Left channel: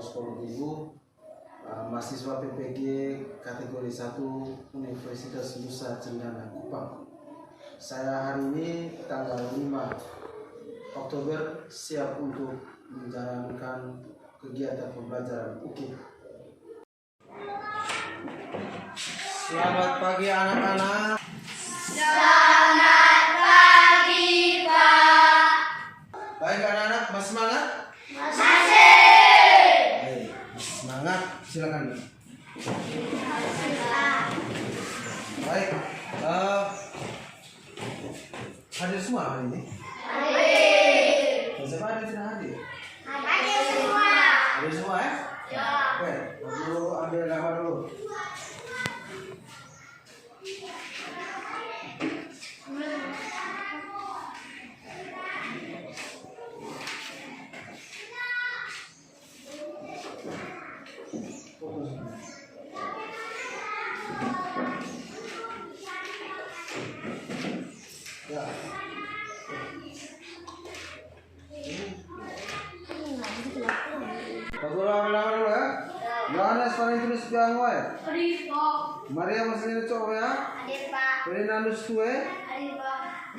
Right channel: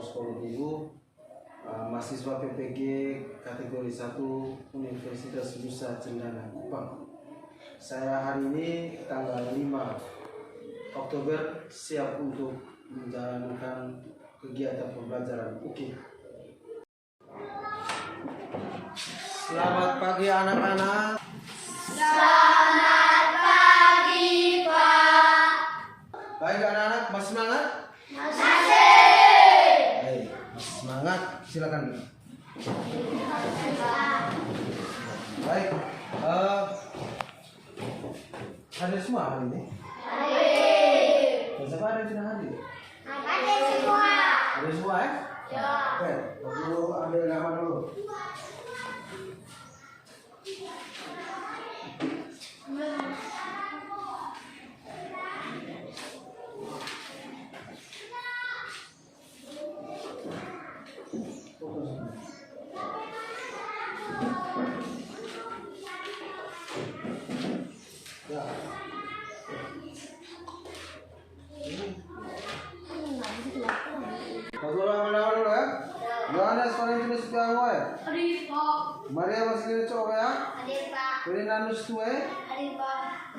Psikologi Ibu, mahasiswa PPG kategori 1 Universitas Nusa Cendana Kupang. Saya hari ini tanggal 5 Oktober siap untuk menjalankan kegiatan pembelajaran UKIP. Selamat pagi anak-anak. Selamat pagi, Pak. Baik anak-anak, masih semangat? Masih. Baik, masih semangat. Silakan. Baik, hadir semua hari ini? Hadir. Siapa ada yang tidak hadir? Hadir semua. Hadir semua ya? Ya. Oke, dulu ambil gambar dulu. Ya. Dulu ambil gambar dulu ya. Yohanes Valentinus Piangoe, Hadir, Pak. Maria Marcelina Coya, Hadir, Pak. Ferdinandus Tue, Hadir, Pak.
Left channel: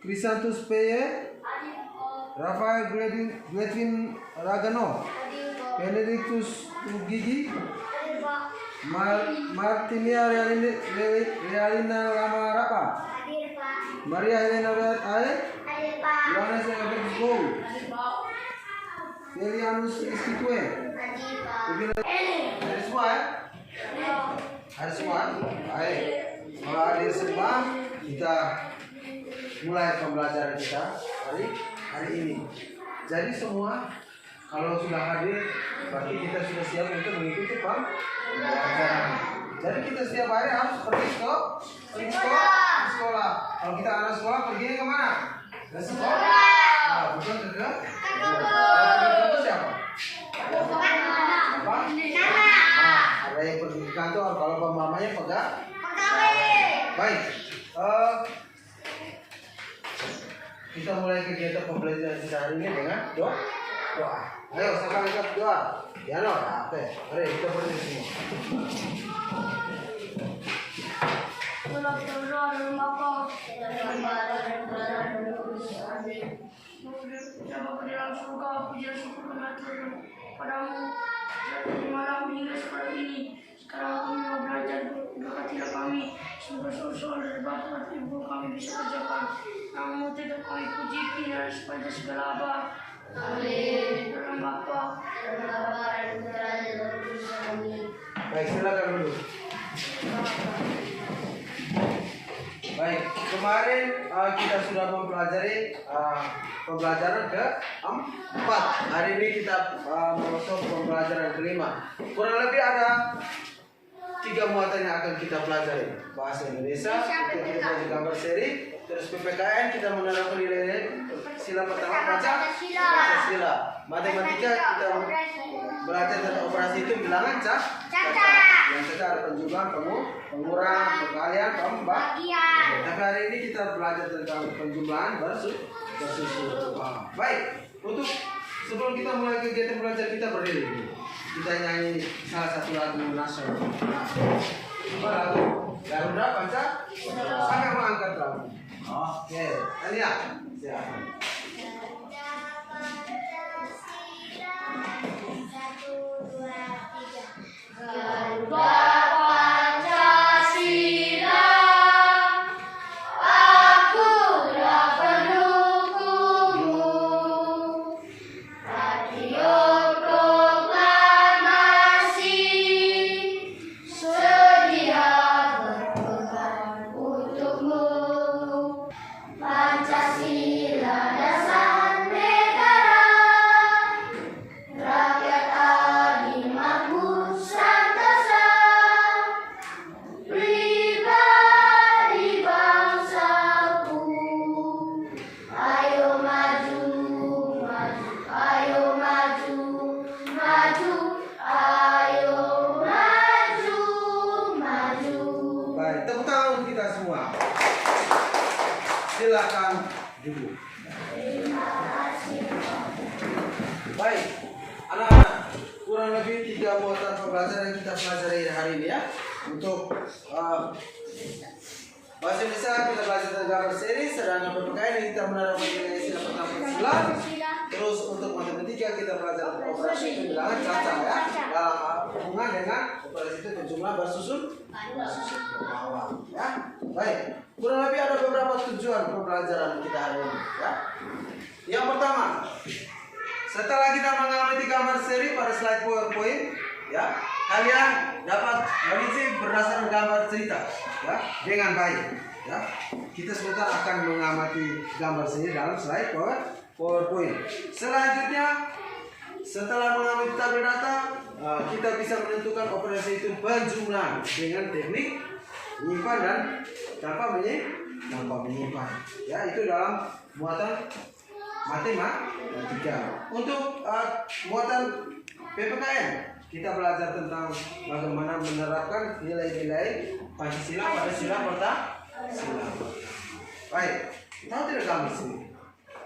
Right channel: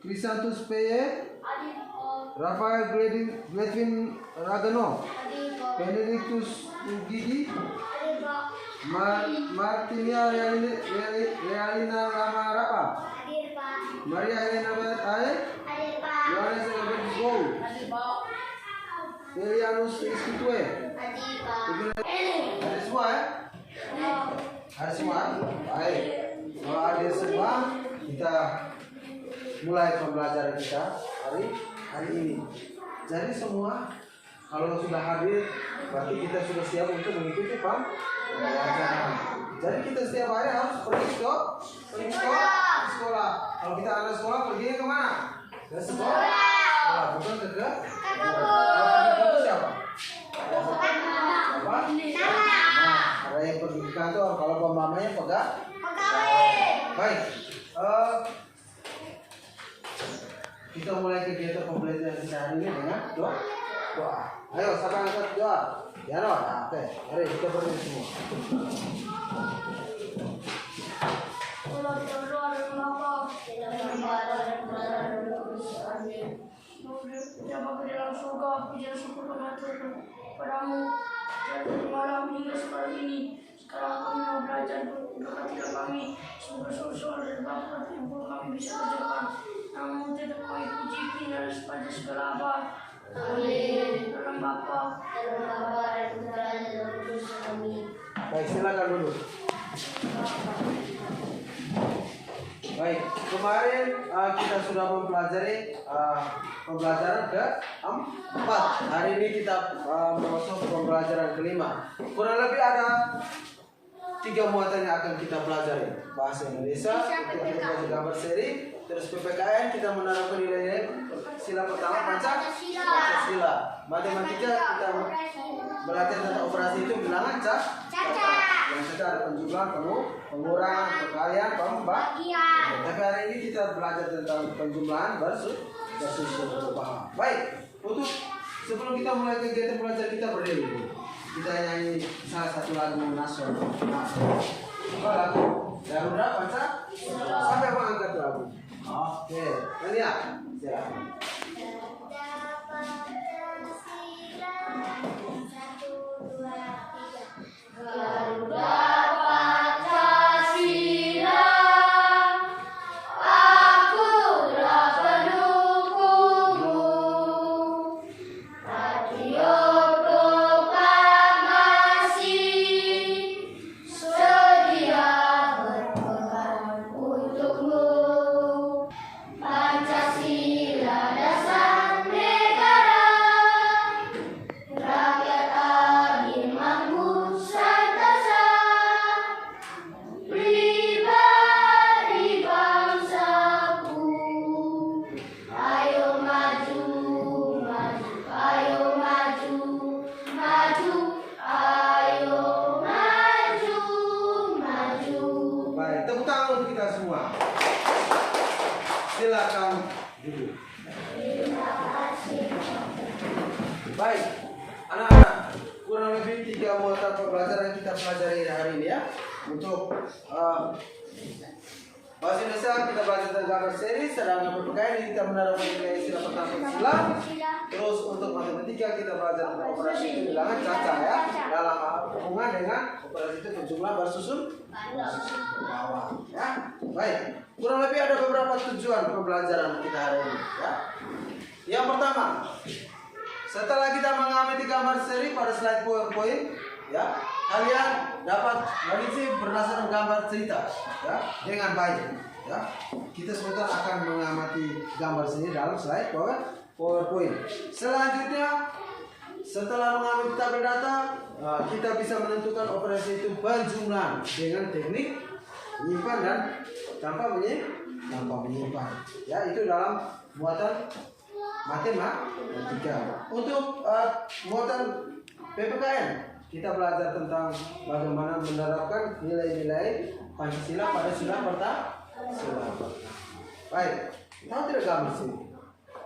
Crisantus Peye, Hadir, Pak. Rafael Gledwin Ragano, Hadir, Pak. Benedictus Gigi, Hadir, Pak. Martinia Realina Ramarapa, Hadir, Pak. Maria Helena Beat Ae, Hadir, Pak. Yohanes Evertus Gou, Hadir, Pak. Felianus Istitue. Hadir, Pak. Ada semua ya? Ada semua? Baik. Kalau ada semua, kita mulai pembelajaran kita hari ini. Jadi semua kalau sudah hadir, berarti kita sudah siap untuk mengikuti pembelajaran. Jadi kita setiap hari harus pergi ke sekolah. Kalau kita anak sekolah, pergi ke mana? Ke sekolah. Nah, bukan ke itu siapa? Apa? Nah, ada yang pergi ke kantor. Kalau mamanya pegang. Baik. Kita mulai kegiatan pembelajaran kita hari ini dengan doa. Ayo, siapa angkat doa? Ya no, oke. Mari kita berdiri semua. Siapa ke dalam surga, puja syukur padamu dari malam hingga sekarang ini. Sekarang kami mau belajar, berkatilah kami sungguh-sungguh dari bakat ibu kami bisa kerjakan. Namun tidak kami puji dari sepada segala abad. Amin. Dalam Bapa, dalam Bapa, dan Putra, dan Roh Kudus. Amin. Baik, silakan dulu. Baik, kemarin kita sudah mempelajari pembelajaran ke-4. Hari ini kita masuk pembelajaran ke-5. Kurang lebih ada 3 muatan yang akan kita pelajari. Bahasa Indonesia, untuk kita belajar gambar seri, terus PPKN kita menerapkan nilai sila pertama Pancasila. Matematika kita belajar tentang operasi hitung bilangan cacat. Yang kita ada penjumlahan, pengurangan, perkalian, pembagian. Tapi hari ini kita belajar tentang penjumlahan bersusun. Baik, untuk sebelum kita mulai kegiatan belajar kita berdiri. Kita nyanyi salah satu lagu nasional. Apa lagu? Garuda Pancasila. Sampai mengangkat lagu. Oke, Tania, silakan. Garuda Pancasila, akulah pendukungmu. Radio proklamasi sedia berpegang untukmu. Pancasila dasar negara, rakyat adil makmur santasa, pribadi bangsaku. Ayo maju, maju, ayo maju, maju, ayo maju, maju. Baik, tepuk tangan untuk kita semua. Silakan duduk. Terima kasih. Baik, anak-anak. pembelajaran kita pelajari hari ini ya. Untuk bahasa Indonesia kita belajar tentang gambar seri, sedangkan PPKN ini kita menerapkan nilai istilah pertama sila. Terus untuk matematika kita belajar operasi itu bilangan caca ya, dalam hubungan dengan operasi itu jumlah bersusun ke bawah ya. Baik, kurang lebih ada beberapa tujuan pembelajaran kita hari ini ya. Yang pertama, setelah kita mengamati gambar seri pada slide PowerPoint ya, kalian dapat mengisi berdasarkan gambar cerita ya dengan baik ya. Kita sebentar akan mengamati gambar seri dalam slide PowerPoint. Selanjutnya, setelah mengamati tabel data, kita bisa menentukan operasi itu penjumlahan dengan teknik menyimpan dan tanpa menyimpan ya. Itu dalam muatan matematika. Untuk muatan PPKN kita belajar tentang bagaimana menerapkan nilai-nilai Pancasila pada sila pertama. Baik, tahu tidak gambar sini?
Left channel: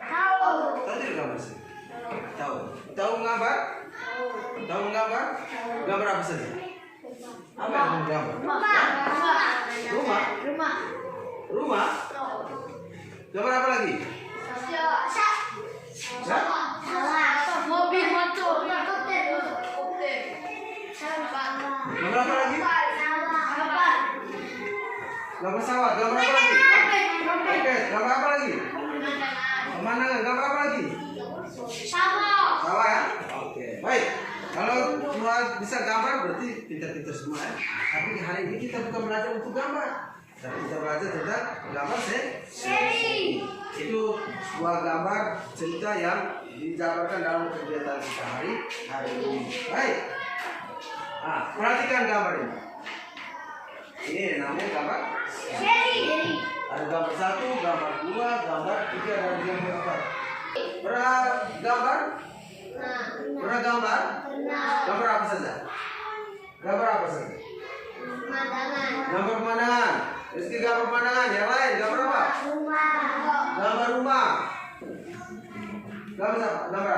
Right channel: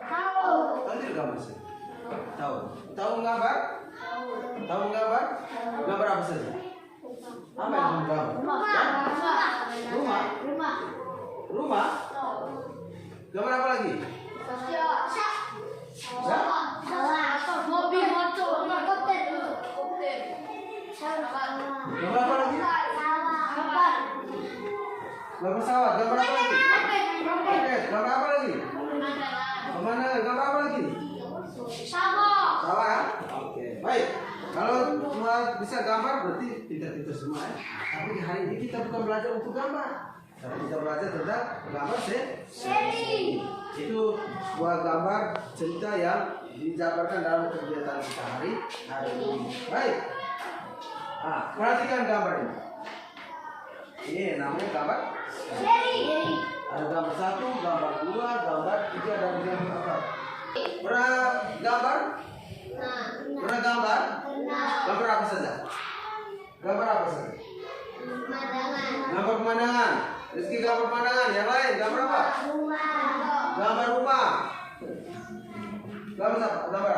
Tahu tidak gambar sini? Tahu menggambar? Tahu menggambar? Gambar apa saja? Apa yang menggambar? Rumah? Gambar apa lagi? Ya? Mobil, motor, helikopter. Gambar apa lagi? Gambar sawah. Gambar apa lagi? Oke, gambar apa lagi? Pemandangan. Gambar apa lagi? Sawah ya? Oke, baik. Kalau cuma bisa gambar berarti pintar-pintar semua ya. Tapi hari ini kita bukan belajar untuk gambar, tapi kita belajar tentang gambar seri. Itu sebuah gambar cerita yang dijabarkan dalam kegiatan kita hari ini. Baik. Perhatikan gambar ini. Ini namanya gambar seri. Ada gambar 1, gambar 2, gambar 3, dan gambar 4. Pernah gambar? Gambar apa saja? Gambar pemandangan. Rizky gambar pemandangan. Yang lain gambar apa? Gambar rumah. Gambar apa?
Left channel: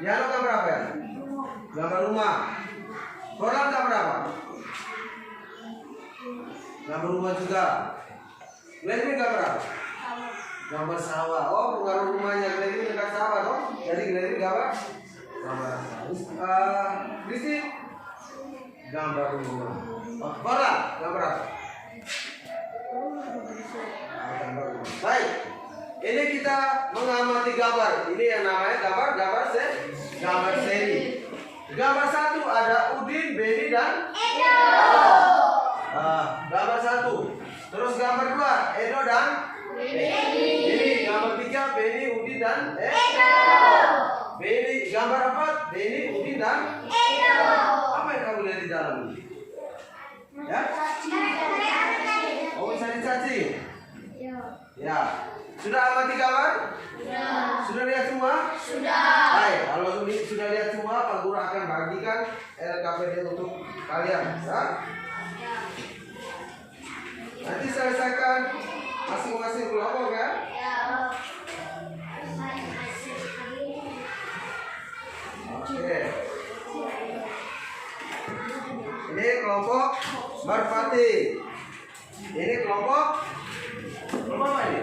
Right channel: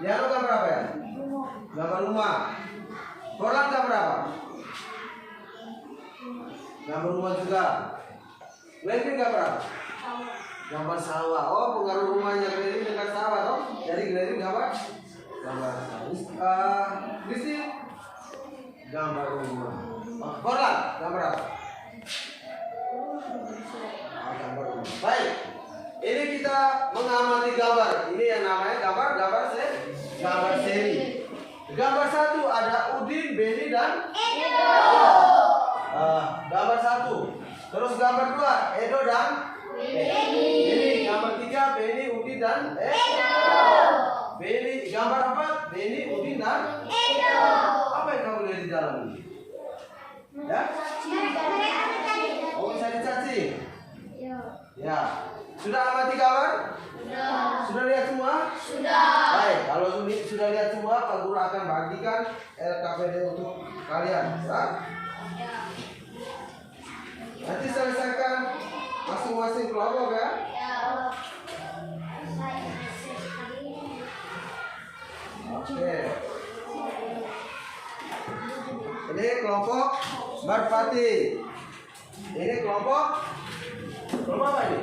Ya, lu gambar apa ya? Gambar rumah. Orang gambar apa? Gambar rumah juga. Glenvin gambar apa? Gambar sawah. Oh, pengaruh rumahnya Glenvin dekat sawah toh. Jadi Glenvin gambar sawah. Kristi gambar rumah. Bola gambar apa? Gambar rumah. Baik. Ini kita mengamati gambar. Ini yang namanya gambar seri. Gambar 1 ada Udin, Beni dan Edo. Gambar 1. Terus gambar 2 Edo dan Beni. Gambar 3 Beni, Udin dan Edo. Beni. Gambar 4 Beni, Udin dan Edo. Apa yang kamu lihat di dalam ini? Ya? Oh, bisa dicacing? Ya. Sudah amati gambar? Sudah lihat semua? Sudah. Baik, kalau sudah lihat semua, Pak Guru akan bagikan LKPD untuk kalian. Ya? Nanti selesaikan masing-masing kelompok ya. Oke. Ini kelompok Marfati. Ini kelompok apa ini?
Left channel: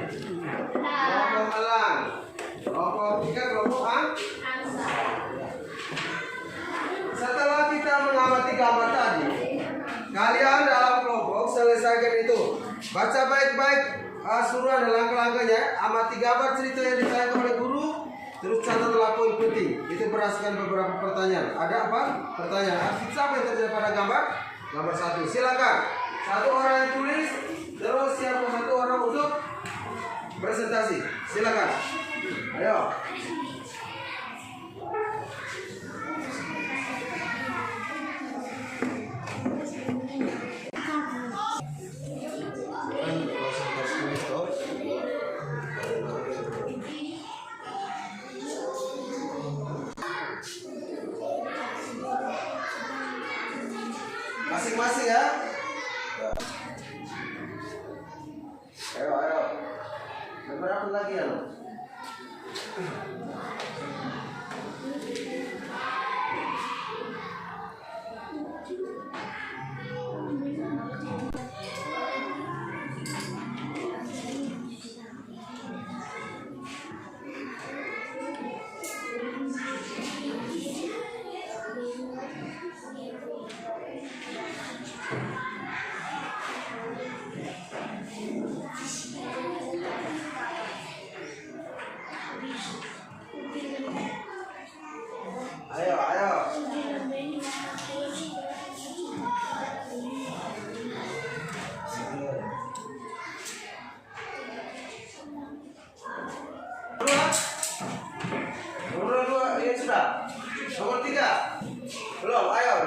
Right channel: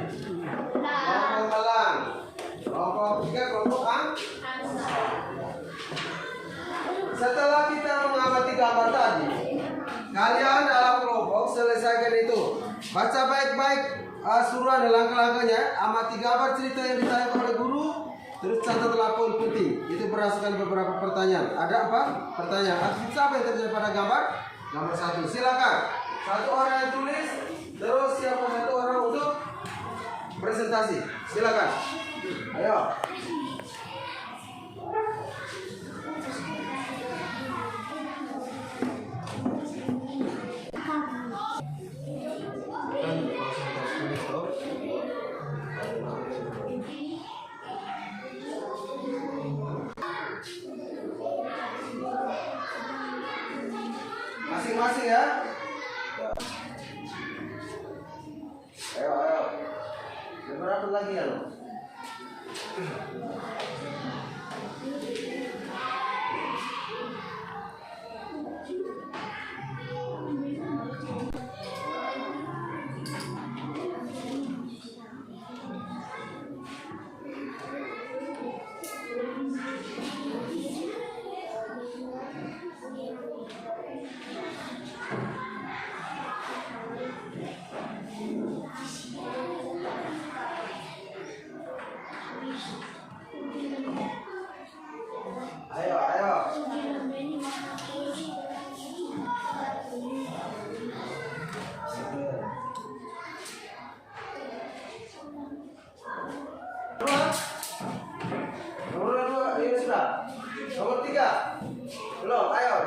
Kelompok Alang. Kelompok 3 kelompok Angsa. Setelah kita mengamati gambar tadi, kalian dalam kelompok selesaikan itu. Baca baik-baik suruhan dan langkah-langkahnya. Amati gambar cerita yang ditayangkan oleh guru. Terus catatlah poin penting. Itu berdasarkan beberapa pertanyaan. Ada apa? Pertanyaan. Arti apa yang terjadi pada gambar? Gambar 1. Silakan. Satu orang yang tulis. Terus siapa satu orang untuk presentasi. Silakan. Ayo. Masing-masing ya. Ayo. Berapa lagi ya lo?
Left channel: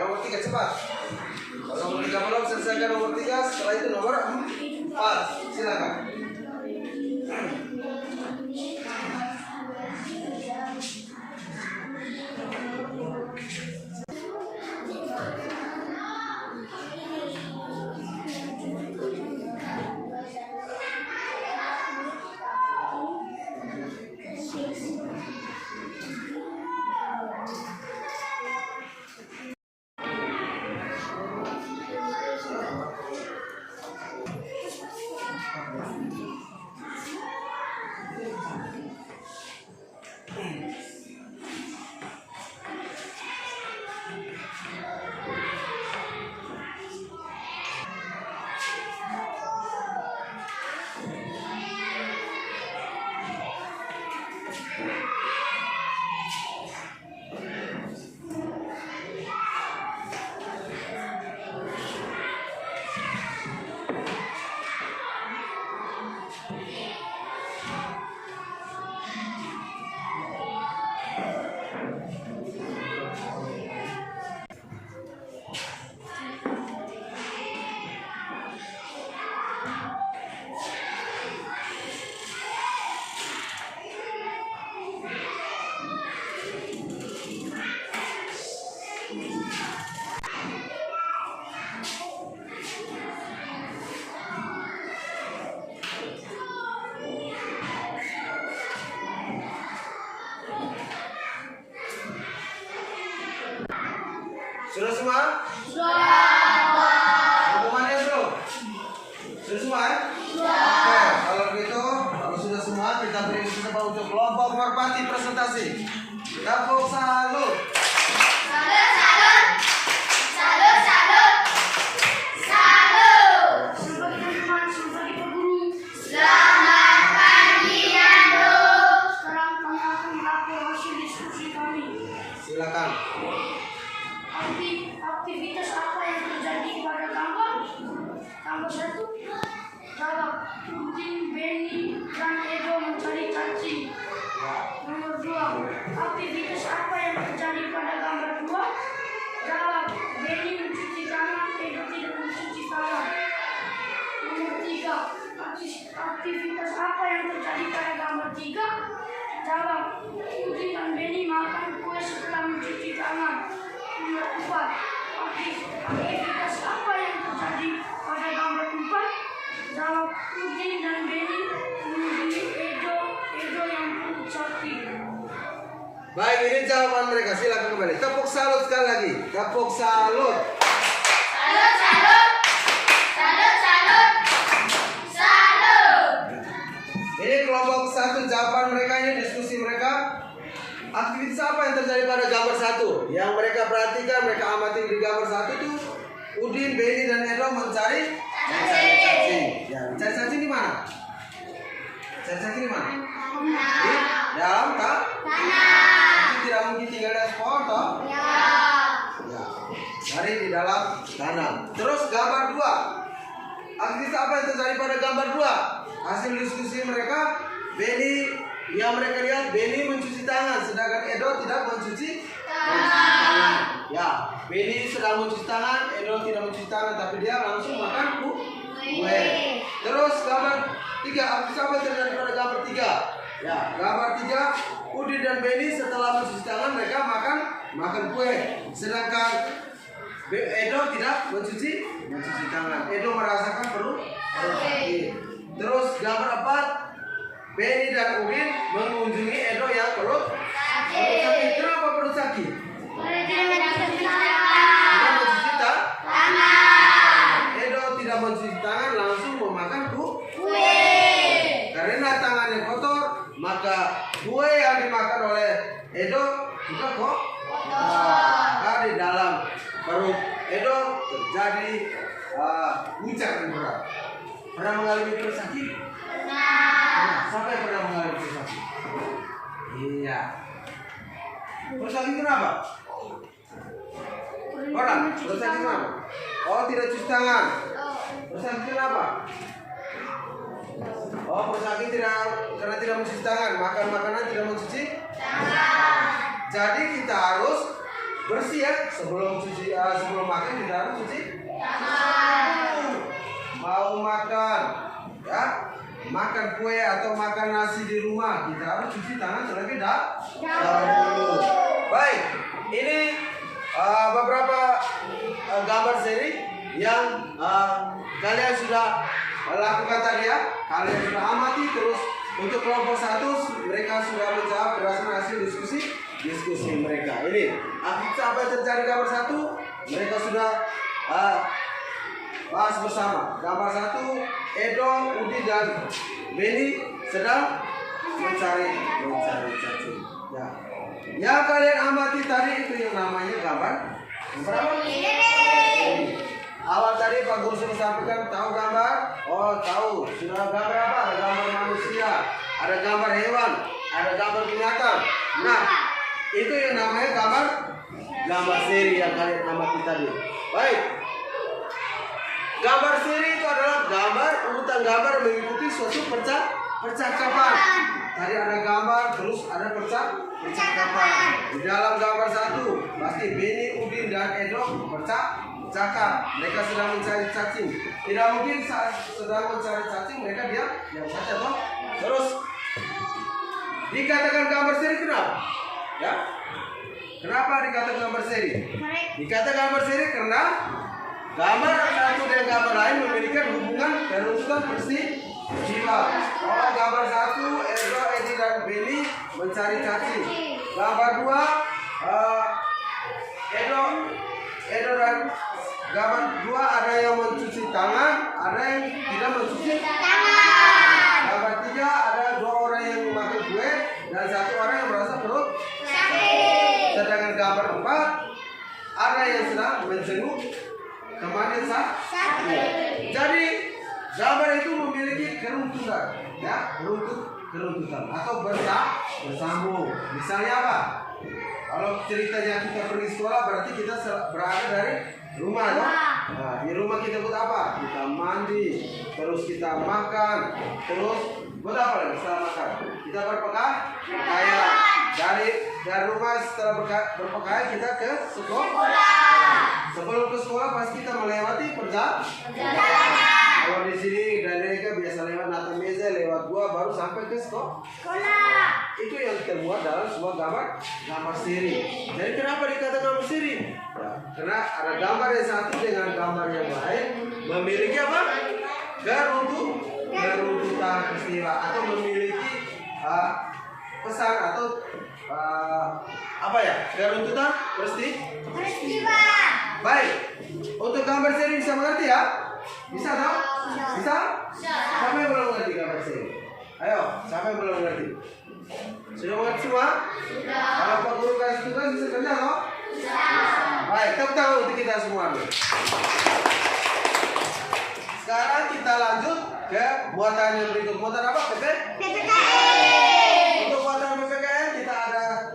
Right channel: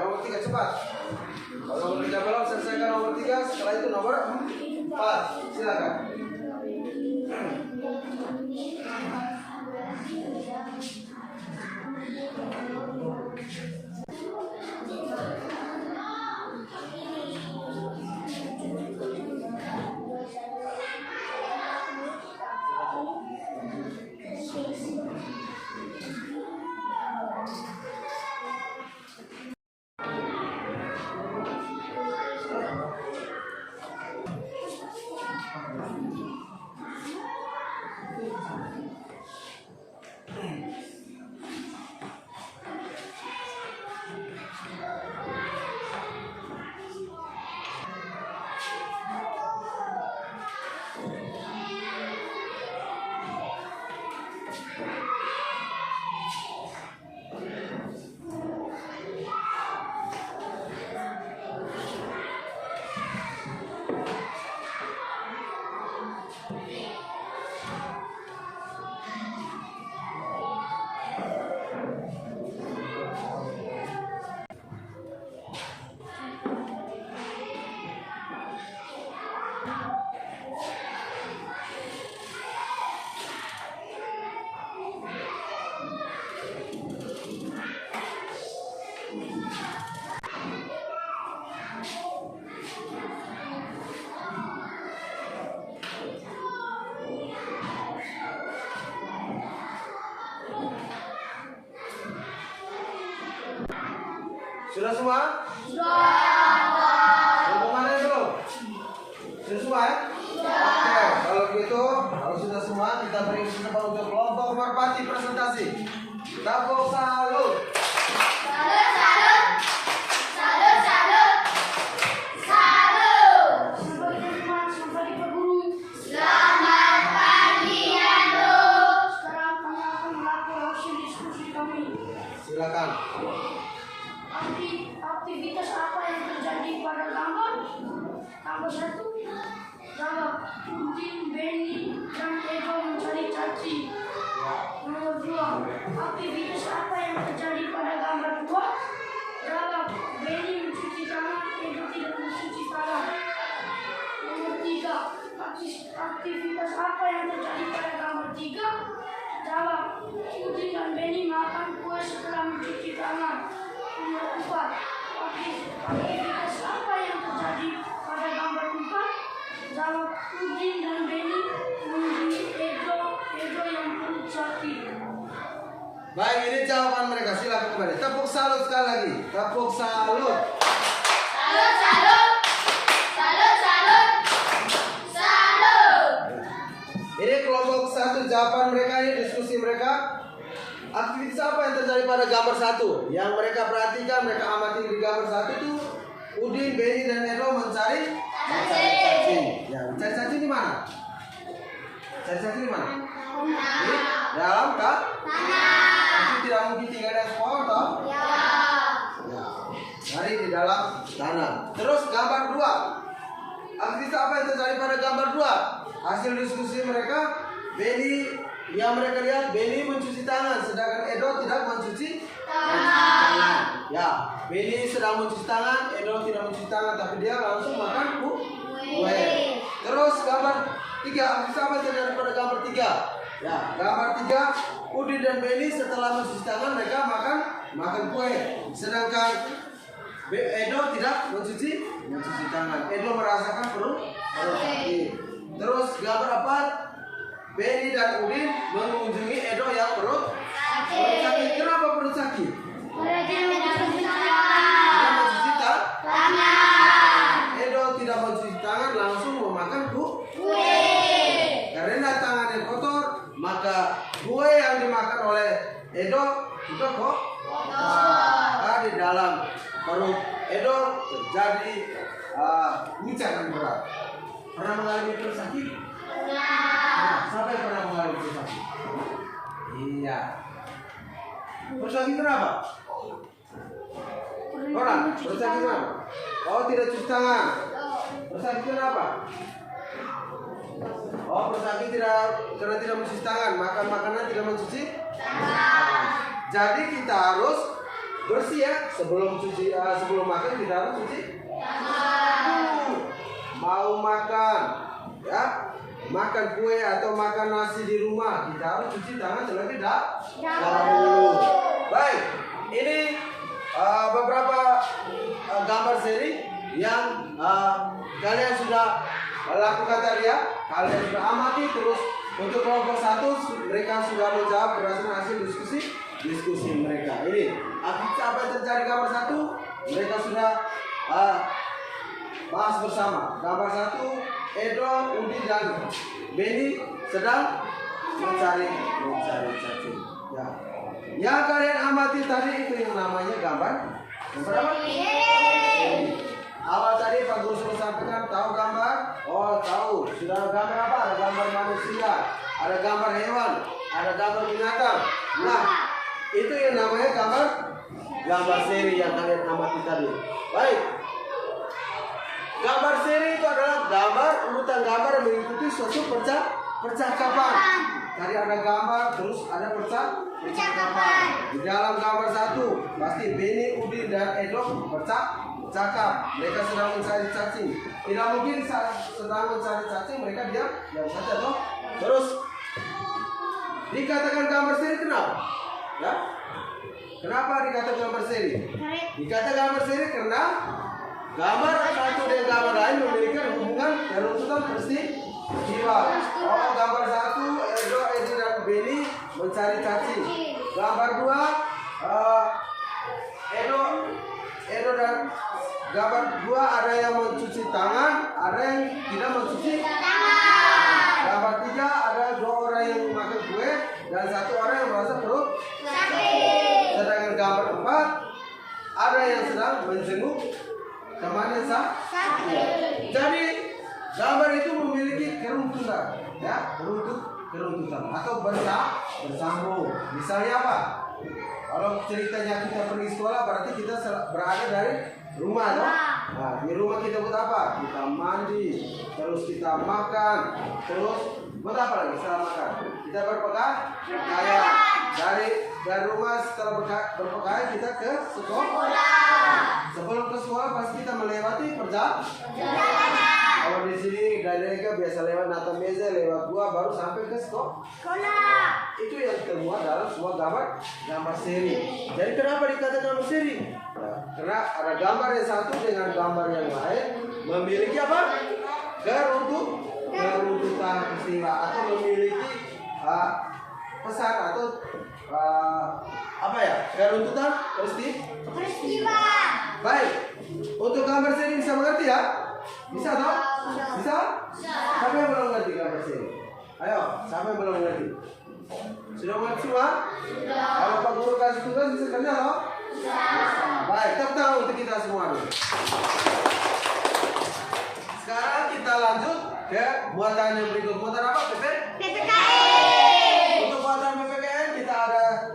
nomor 3 cepat. Kalau nomor 3 belum, selesaikan nomor 3. Setelah itu nomor 4. Silakan. Sudah semua? Sudah. Kemana belum? Sudah semua ya? Oke, kalau begitu, kalau sudah semua, kita beri kesempatan untuk kelompok merpati presentasi. Tepuk salut. Silakan. Aktivitas apa yang terjadi pada gambar? Gambar 1, jawab. Udin, Benny, dan Edo mencari cacing. Nomor 2, aktivitas apa yang terjadi pada gambar 2? Jawab. Benny mencuci tangan, Edo tidak mencuci tangan. Nomor 3, aktivitas apa yang terjadi pada gambar 3? Jawab. Udin dan Benny makan kue setelah mencuci tangan. Nomor 4, aktivitas apa yang terjadi pada gambar 4? Jawab. Udin dan Benny mengunjungi Edo yang perut sapi. Baik, ini jawaban mereka. Silakan kembali. Tepuk salut sekali lagi. Tepuk salut. Ini kelompok 1 jawaban mereka, ini diskusi mereka. Aktivitas apa yang terjadi pada gambar 1? Yang mereka perhatikan, mereka amati di gambar 1 itu Udin, Benny, dan Edo mencari cacing. Ya, mencari cacing di mana? Cari cacing di mana? Di dalam tak? Cacing tidak mungkin tinggal di pohon toh? Ya, dari di dalam tanah. Terus gambar 2. Aktivitas apa yang terjadi pada gambar 2? Hasil diskusi mereka, Benny, yang mereka lihat Benny mencuci tangan, sedangkan Edo tidak mencuci tangan. Ya, Benny sedang mencuci tangan, Edo tidak mencuci tangan, tapi dia langsung makan kue. Terus gambar 3, aktivitas apa yang terjadi pada gambar 3? Ya, gambar 3, Udin dan Benny setelah mencuci tangan mereka makan kue, sedangkan Edo tidak mencuci tangan. Edo merasakan perut sakit. Terus gambar 4, Benny dan Udin mengunjungi Edo yang perut sakit. Kenapa perut sakit? Tidak mencuci tangan. Edo tidak mencuci tangan, langsung memakan kue. Karena tangannya kotor, maka kue yang dimakan oleh Edo juga kotor. Di dalam perut Edo terjadi guncangan berat. Pernah mengalami perut sakit? Pernah. Siapa yang pernah mengalami perut sakit? Iya. Perut sakit kenapa? Pernah? Perut sakit kenapa? Oh, tidak cuci tangan. Perut sakit kenapa? Oh, perut sakit karena tidak mencuci tangan. Makan makanan tidak mencuci tangan. Jadi kita harus bersih ya. Sebelum makan kita harus cuci tangan. Mau makan ya, makan kue atau makan nasi di rumah, kita harus cuci tangan terlebih dahulu. Baik, ini beberapa gambar seri yang kalian sudah lakukan tadi ya. Kalian sudah amati. Terus untuk kelompok 1 mereka sudah menjawab berdasarkan hasil diskusi mereka. Ini apa yang terjadi gambar 1, mereka sudah bahas bersama. Gambar 1, Edo, Udi dan Beni sedang mencari cacing. Ya. Yang kalian amati tadi itu yang namanya gambar apa? Awal tadi Pak Guru sudah sampaikan, tahu gambar? Oh tahu. Sudah gambar apa? Ada gambar manusia, ada gambar hewan, ada gambar binatang. Nah, itu yang namanya gambar seri yang kalian amati tadi. Baik. Gambar seri itu adalah urutan gambar mengikuti suatu percakapan. Tadi ada gambar, terus ada percakapan. Di dalam gambar 1 pasti Beni, Udin dan Edo bercakap. Mereka sedang mencari cacing. Tidak mungkin saat sedang mencari cacing mereka diam saja toh. Terus dikatakan gambar seri kenapa? Ya? Kenapa dikatakan gambar seri? Dikatakan gambar seri karena gambar satu dan gambar lain memiliki hubungan dan urutan peristiwa. Oh, gambar 1 Edo, Edi dan Beni mencari cacing. Gambar 2 Edo dan gambar 2 ada yang mencuci tangan, ada yang tidak mencuci tangan. Gambar 3 ada 2 orang yang makan kue dan 1 orang yang merasa perut sakit. Sedangkan gambar 4 ada yang sedang menjenguk temannya sakit. Jadi gambar itu memiliki keruntutan, ya, keruntutan atau bersambung. Misalnya apa? Kalau ceritanya kita pergi sekolah berarti kita berada dari rumah, toh? Nah, di rumah kita buat apa? Kita mandi, terus kita makan, terus buat apa lagi setelah makan? Kita berpakaian. Dari rumah setelah berpakaian kita ke sekolah. Sebelum ke sekolah pasti kita melewati perjalanan. Kalau di sini dari mereka biasa lewat nata meza, lewat gua baru sampai ke sekolah. Itu yang termuat dalam sebuah gambar seri. Jadi kenapa dikatakan gambar seri? Ya, karena ada gambar yang satu dengan gambar yang lain memiliki apa? Keruntutan peristiwa atau memiliki pesan atau apa ya? Keruntutan peristiwa. Baik. Untuk gambar seri bisa mengerti ya? Bisa tak? Bisa? Siapa yang belum mengerti gambar seri? Ayo, siapa yang belum mengerti? Sudah mengerti semua? Sudah. Kalau Pak Guru kasih tugas bisa kerja loh? Sudah. Baik, tepuk tangan untuk kita semua dulu. Sekarang kita lanjut ke buatan yang berikut. Buatan apa? PPKN. Untuk buatan PPKN kita ada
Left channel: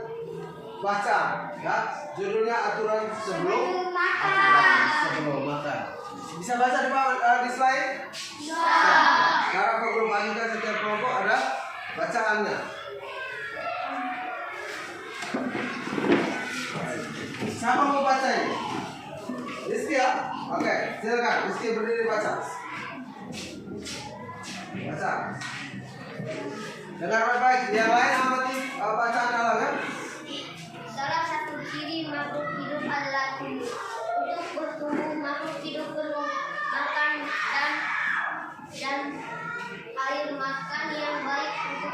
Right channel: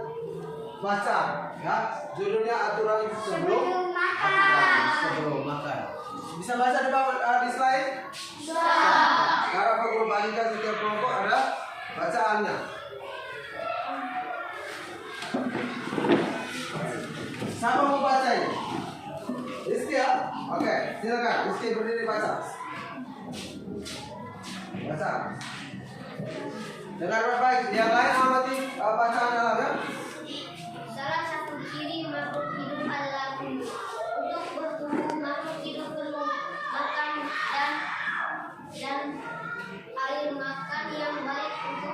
baca, ya. Judulnya aturan sebelum makan. Bisa baca di slide? Bisa. Sekarang Pak Guru bagikan setiap kelompok ada bacaannya. Siapa mau baca ini? Rizky ya? Oke, silakan. Rizky berdiri baca. Baca. Dengar baik-baik. Yang lain amati bacaan dalam ya. Salah satu ciri makhluk hidup adalah tumbuh. Untuk bertumbuh makhluk hidup perlu makan dan air. Makan yang baik untuk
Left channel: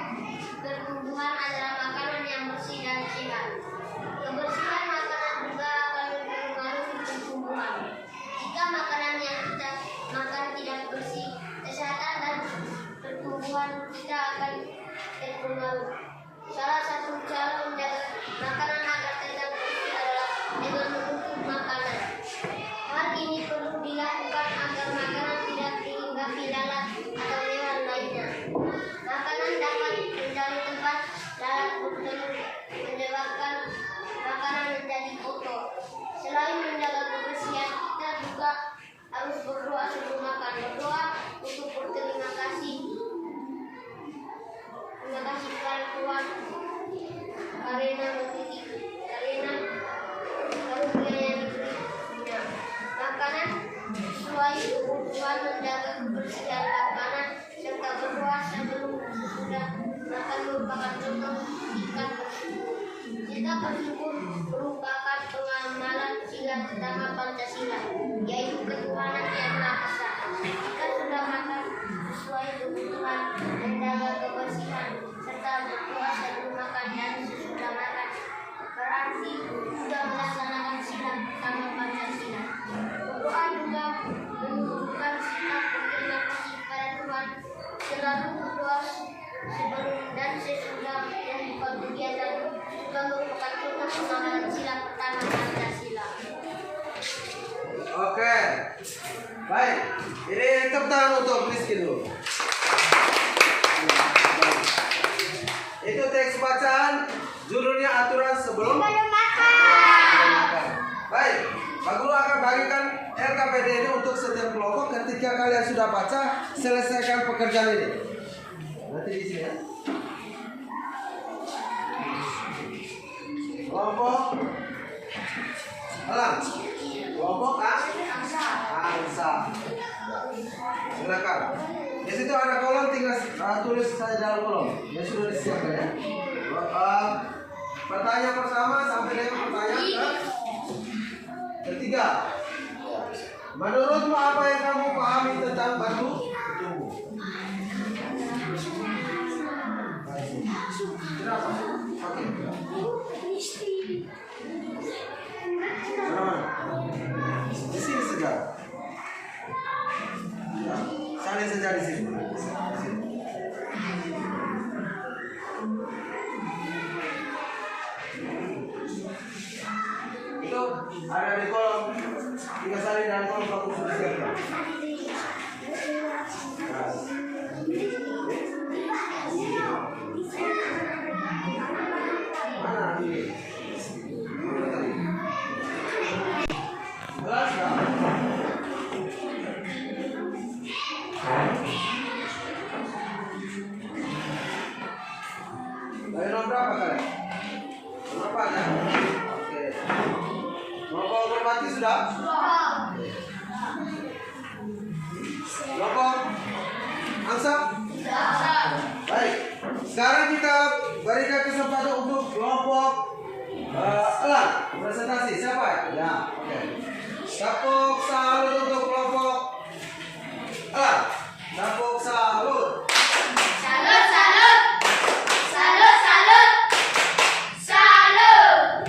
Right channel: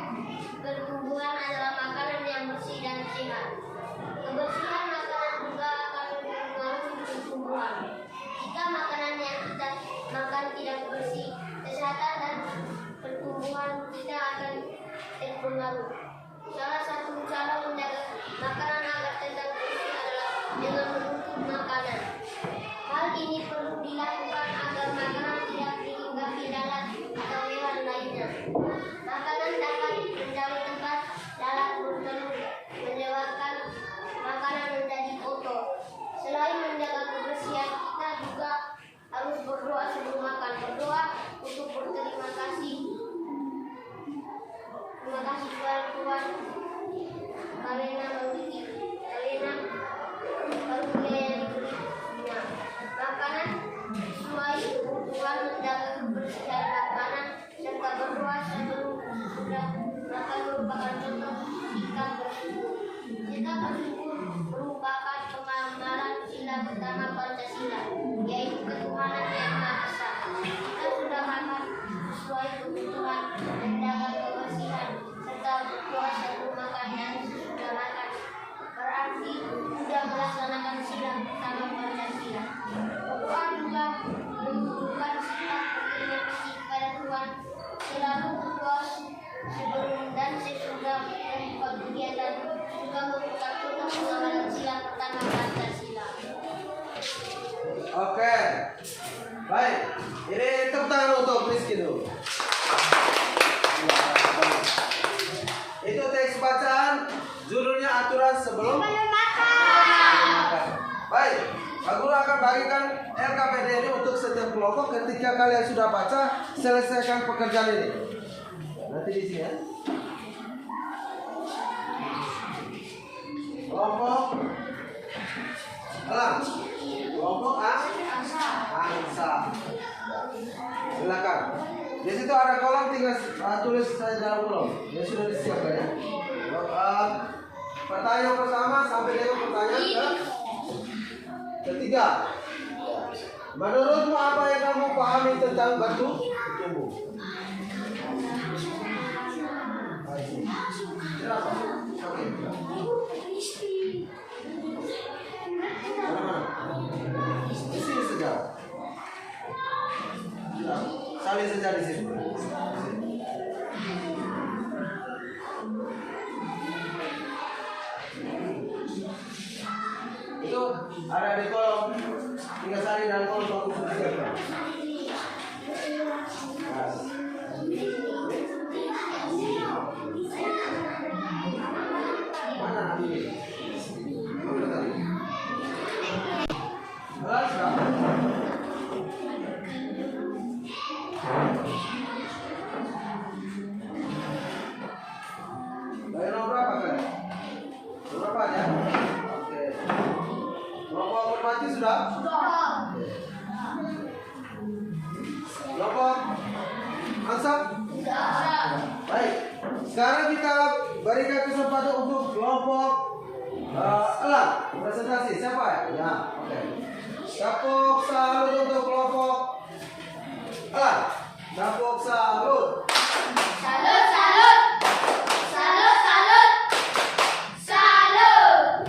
pertumbuhan adalah makanan yang bersih dan sehat. Kebersihan makanan juga akan mempengaruhi pertumbuhan. Jika makanan yang kita makan tidak bersih, kesehatan dan pertumbuhan kita akan terpengaruh. Salah satu cara menjaga makanan agar tetap bersih adalah dengan menutup makanan. Hal ini perlu dilakukan agar makanan tidak dihinggapi lalat atau hewan lainnya. Makanan dapat menjadi tempat lalat bertelur, menyebabkan makanan menjadi kotor. Selain menjaga kebersihan, kita juga harus berdoa sebelum makan. Berdoa untuk berterima kasih. Terima kasih Tuhan karena memiliki Oke. Baik. Ini tepuk tangan untuk Rizky dulu. Itu teks bacaan, judulnya aturan sebelum makan. Baik, Pak Guru akan bagikan LKPD ini untuk setiap kelompok. Ketika kalian sudah baca, selesaikan pekerjaan ini. Nanti di sini ya. Kelompok Alang, kelompok Angsa. Silakan. Di situ ada kolom, tinggal tulis saja dalam kolom. Ya sudah disiapkan ya. Pertanyaan pertama sampai dengan pertanyaan ketiga. Menurutmu apa yang kamu pahami tentang batu tumbuh? Oke. Di sini saja. Salin saja di sini. Itu ada di kolom. Tinggal salin dan kolom aku sudah siapkan. Mana ini? Belas kan? Dari nomor berapa kalian? Berapa aja? Oke. Kelompok hormati sudah? Kelompok Angsa? Baik. Sekarang kita berikan kesempatan untuk kelompok Elang. Presentasi siapa ya? Oke. Tepuk salut untuk kelompok Elang. Tepuk salut. Salut, salut. Salut, salut. Salut.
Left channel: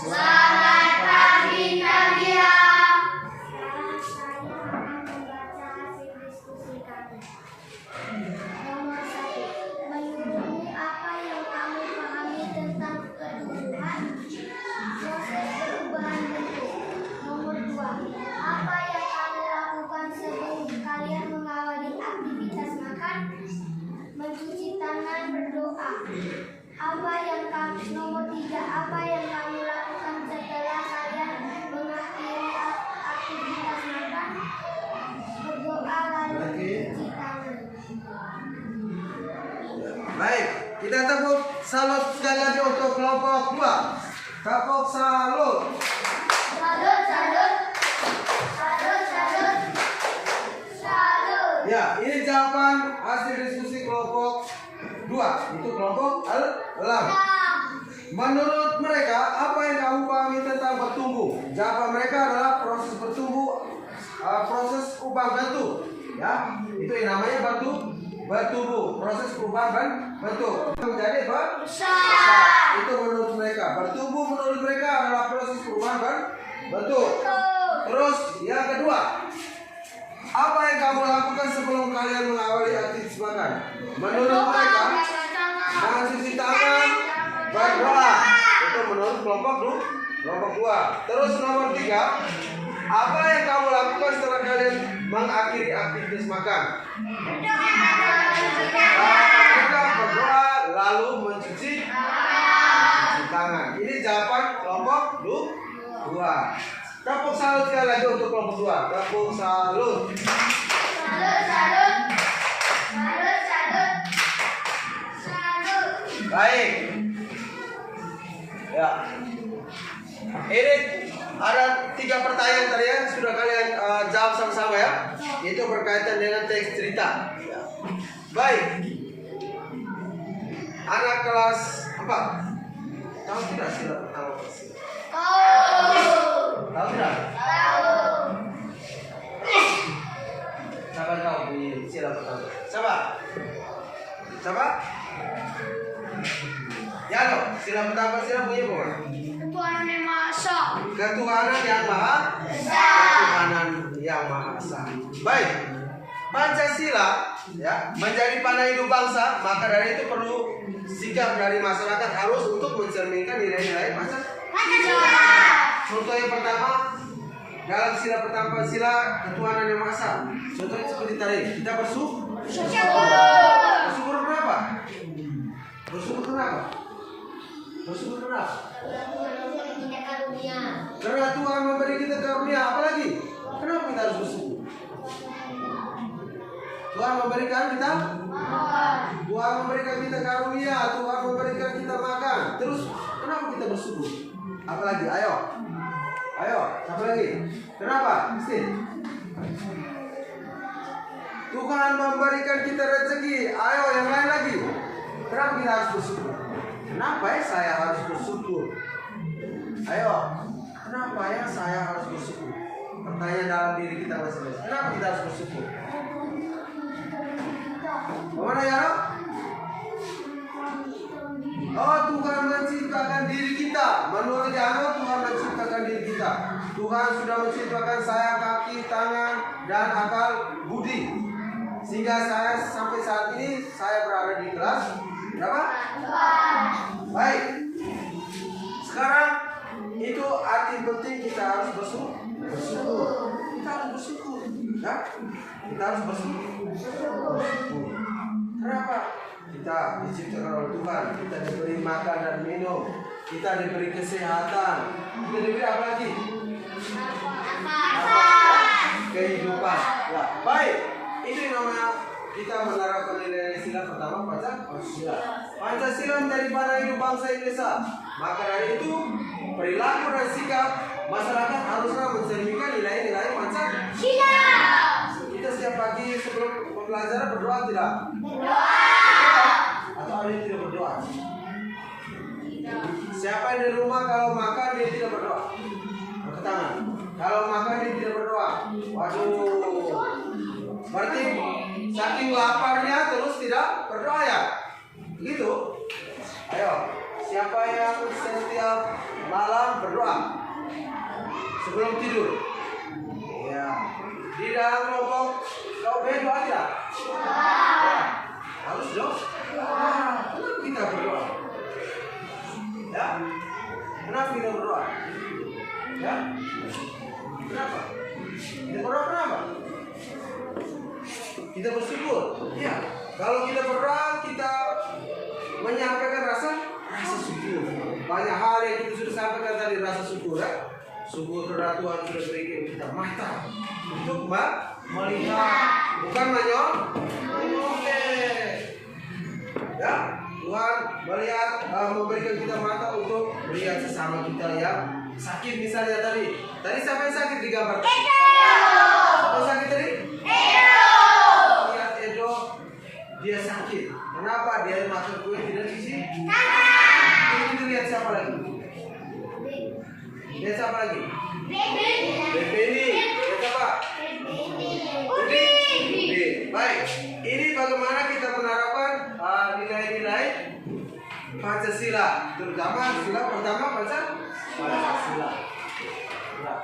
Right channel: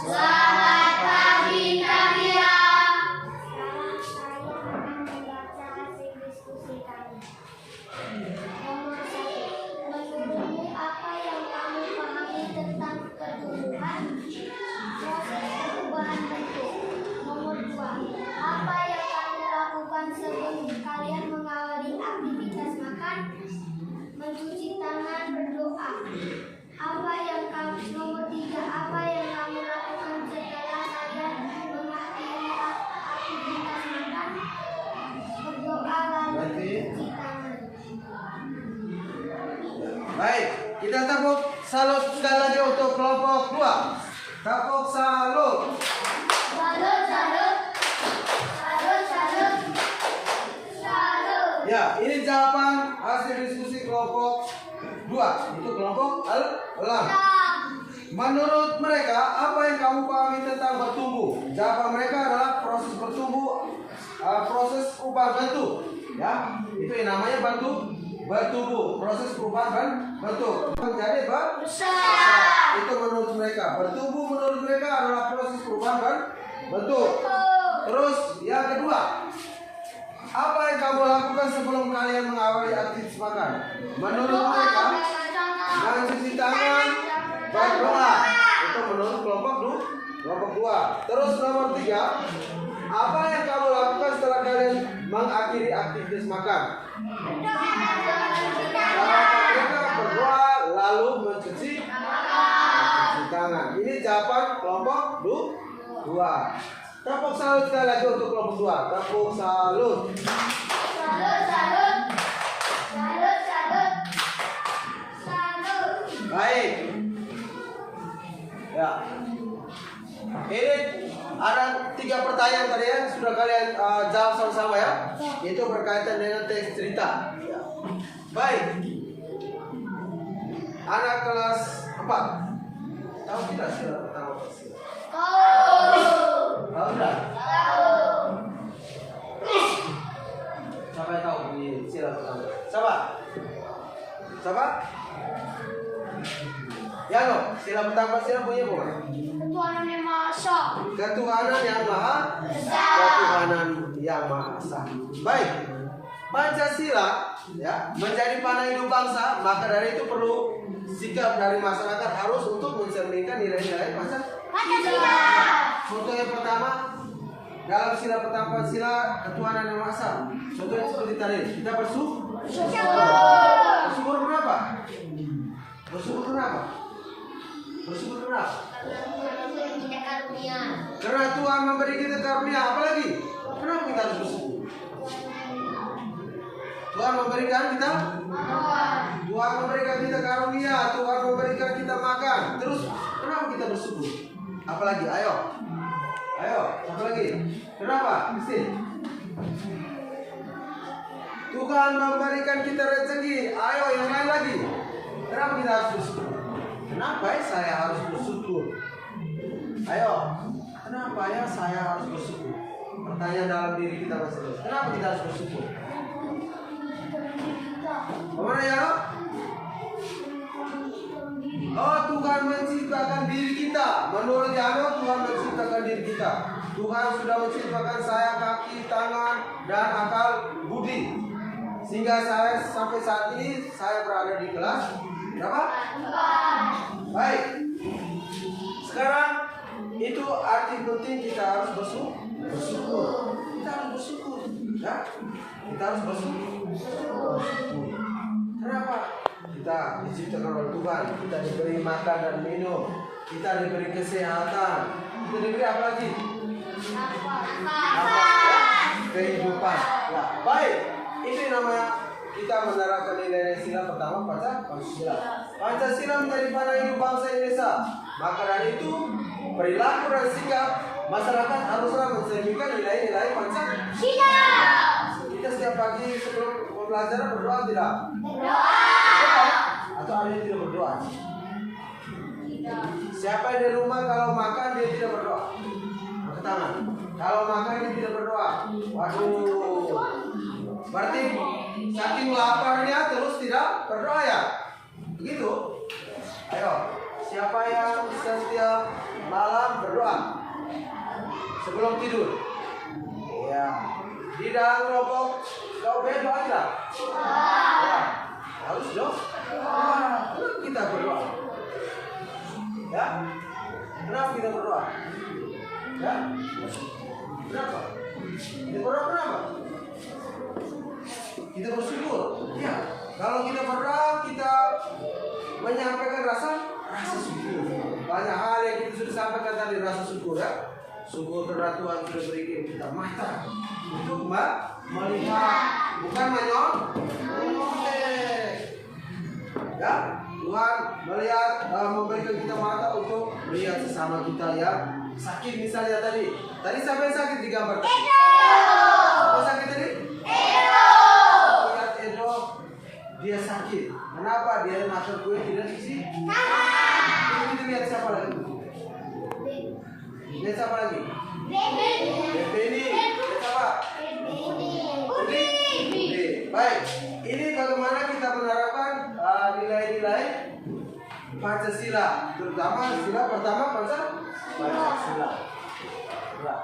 Selamat pagi, Kak Mira. Nomor 1. Menurutmu apa yang kamu pahami tentang pertumbuhan? Proses perubahan bentuk. Nomor 2. Apa yang kamu lakukan sebelum kalian mengawali aktivitas makan? Mencuci tangan, berdoa. Apa yang kamu nomor 3. Apa yang kamu lakukan setelah kalian mengakhiri aktivitas makan? Berdoa lalu mencuci tangan. Baik, kita tepuk salut sekali lagi untuk kelompok 2. Tepuk salut. Salut, salut. Salut, salut. Salut. Ya, ini jawaban hasil diskusi kelompok 2. Itu kelompok Elang. Menurut mereka, apa yang kamu pahami tentang bertumbuh? Jawaban mereka adalah proses bertumbuh, proses perubahan bentuk. Ya, itu yang namanya bertumbuh, proses perubahan bentuk menjadi besar. Itu menurut mereka. Bertumbuh menurut mereka adalah proses perubahan bentuk. Terus yang kedua, apa yang kamu lakukan sebelum kalian mengawali aktivitas makan? Menurut mereka, mencuci tangan, berdoa. Itu menurut kelompok 2. Terus nomor 3, apa yang kamu lakukan setelah kalian mengakhiri aktivitas makan? Mereka berdoa lalu mencuci tangan. Ini jawaban kelompok 2. Tepuk salut sekali lagi untuk kelompok 2. Tepuk salut. Salut, salut. Salut, salut. Salut. Baik. Ya. Ini ada 3 pertanyaan tadi ya, sudah kalian jawab sama-sama ya. Itu berkaitan dengan teks cerita. Ya. Baik. Anak kelas 4. Tahu tidak sih? Tahu tidak? Siapa yang tahu bunyi sila pertama? Siapa? Ya lo, sila pertama sila bunyi apa? Ketuhanan yang Maha Esa. Ketuhanan yang Maha Esa. Ketuhanan yang Maha Esa. Baik. Pancasila ya menjadi panah hidup bangsa, maka dari itu perlu sikap dari masyarakat harus untuk mencerminkan nilai-nilai Pancasila. Contoh yang pertama, dalam sila pertama sila ketuhanan yang Maha Esa. Contohnya seperti tadi, kita bersyukur. Bersyukur kenapa? Bersyukur kenapa? Bersyukur kenapa? Karena Tuhan memberi kita karunia. Apalagi? Kenapa kita harus bersyukur? Tuhan memberikan kita. Tuhan memberikan kita karunia. Tuhan memberikan kita makan. Terus kenapa kita bersyukur? Apalagi? Ayo. Apa lagi? Kenapa? Mesti. Tuhan memberikan kita rezeki. Ayo, yang lain lagi. Kenapa kita harus bersyukur? Kenapa ya saya harus bersyukur? Ayo, kenapa ya saya harus bersyukur? Pertanyaan dalam diri kita masing-masing. Kenapa kita harus bersyukur? Bagaimana ya? Oh, Tuhan menciptakan diri kita. Menurut Yano, Tuhan menciptakan diri kita. Tuhan sudah menciptakan saya, kaki, tangan, dan akal budi. Sehingga saya sampai saat ini saya berada di kelas berapa? Baik. Sekarang itu arti penting kita harus bersyukur. Kita harus bersyukur. Ya? Kita harus bersyukur. Kenapa? Kita diciptakan oleh Tuhan. Kita diberi makan dan minum. Kita diberi kesehatan. Kita diberi apa lagi? Kehidupan. Ya, baik. Ini namanya kita menerapkan nilai sila pertama Pancasila. Pancasila menjadi panah hidup bangsa Indonesia. Maka dari itu perilaku dan sikap masyarakat haruslah mencerminkan nilai-nilai Pancasila. Kita setiap pagi sebelum pembelajaran berdoa tidak? Berdoa. Atau ada yang tidak berdoa? Siapa yang di rumah kalau makan dia tidak berdoa? Angkat tangan. Kalau makan dia tidak berdoa. Waduh. Berarti saking laparnya terus tidak berdoa ya? Begitu? Ayo, siapa yang setiap malam berdoa sebelum tidur? Ya. Di dalam kelompok kau berdoa tidak? Ya. Harus dong. Kenapa kita berdoa? Ya? Kenapa kita berdoa? Ya? Kenapa? Kita berdoa kenapa? Kita bersyukur. Ya. Kalau kita berdoa, kita menyampaikan rasa syukur. Banyak hal yang kita sudah sampaikan tadi, rasa syukur ya. Syukur kepada Tuhan sudah berikan kita mata untuk melihat, bukan menyoleh. Ya, Tuhan melihat, memberikan kita mata untuk melihat sesama kita yang sakit misalnya tadi. Tadi siapa yang sakit digambarkan? Siapa yang sakit tadi? Lihat Edo, dia sakit. Kenapa? Dia makan kue tidak diisi. Kita lihat siapa lagi? Lihat siapa lagi? Beni. Lihat siapa? Budi. Baik. Ini bagaimana kita menerapkan nilai-nilai Pancasila, terutama sila pertama Pancasila. Ya.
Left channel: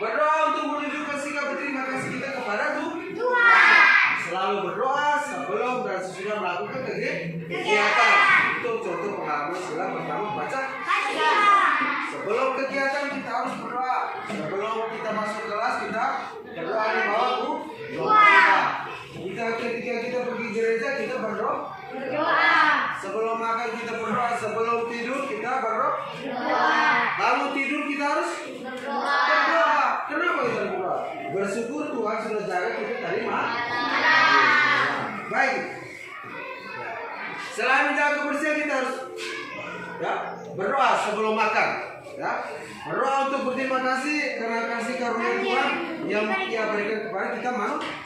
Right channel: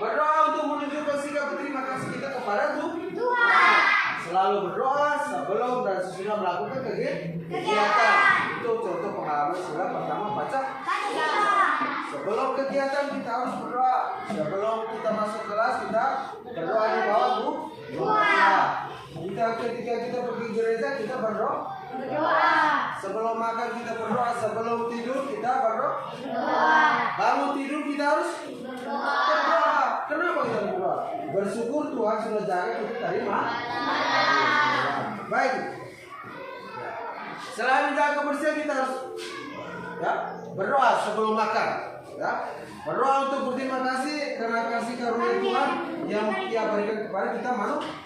Berdoa untuk menunjukkan sikap berterima kasih kita kepada Tuhan. Selalu berdoa sebelum dan sesudah melakukan kegiatan. Itu contoh pengalaman sila pertama Pancasila. Sebelum kegiatan kita harus berdoa. Sebelum kita masuk kelas kita berdoa di bawah doa. Ketika kita pergi gereja kita berdoa. Sebelum makan kita berdoa. Sebelum tidur kita berdoa. Bangun tidur kita harus berdoa. Kenapa kita berdoa? Bersyukur Tuhan sudah jaga kita dari baik. Selain menjaga kebersihan kita harus berdoa sebelum makan. Ya, berdoa untuk berterima kasih karena kasih karunia Tuhan yang Dia berikan kepada kita manusia.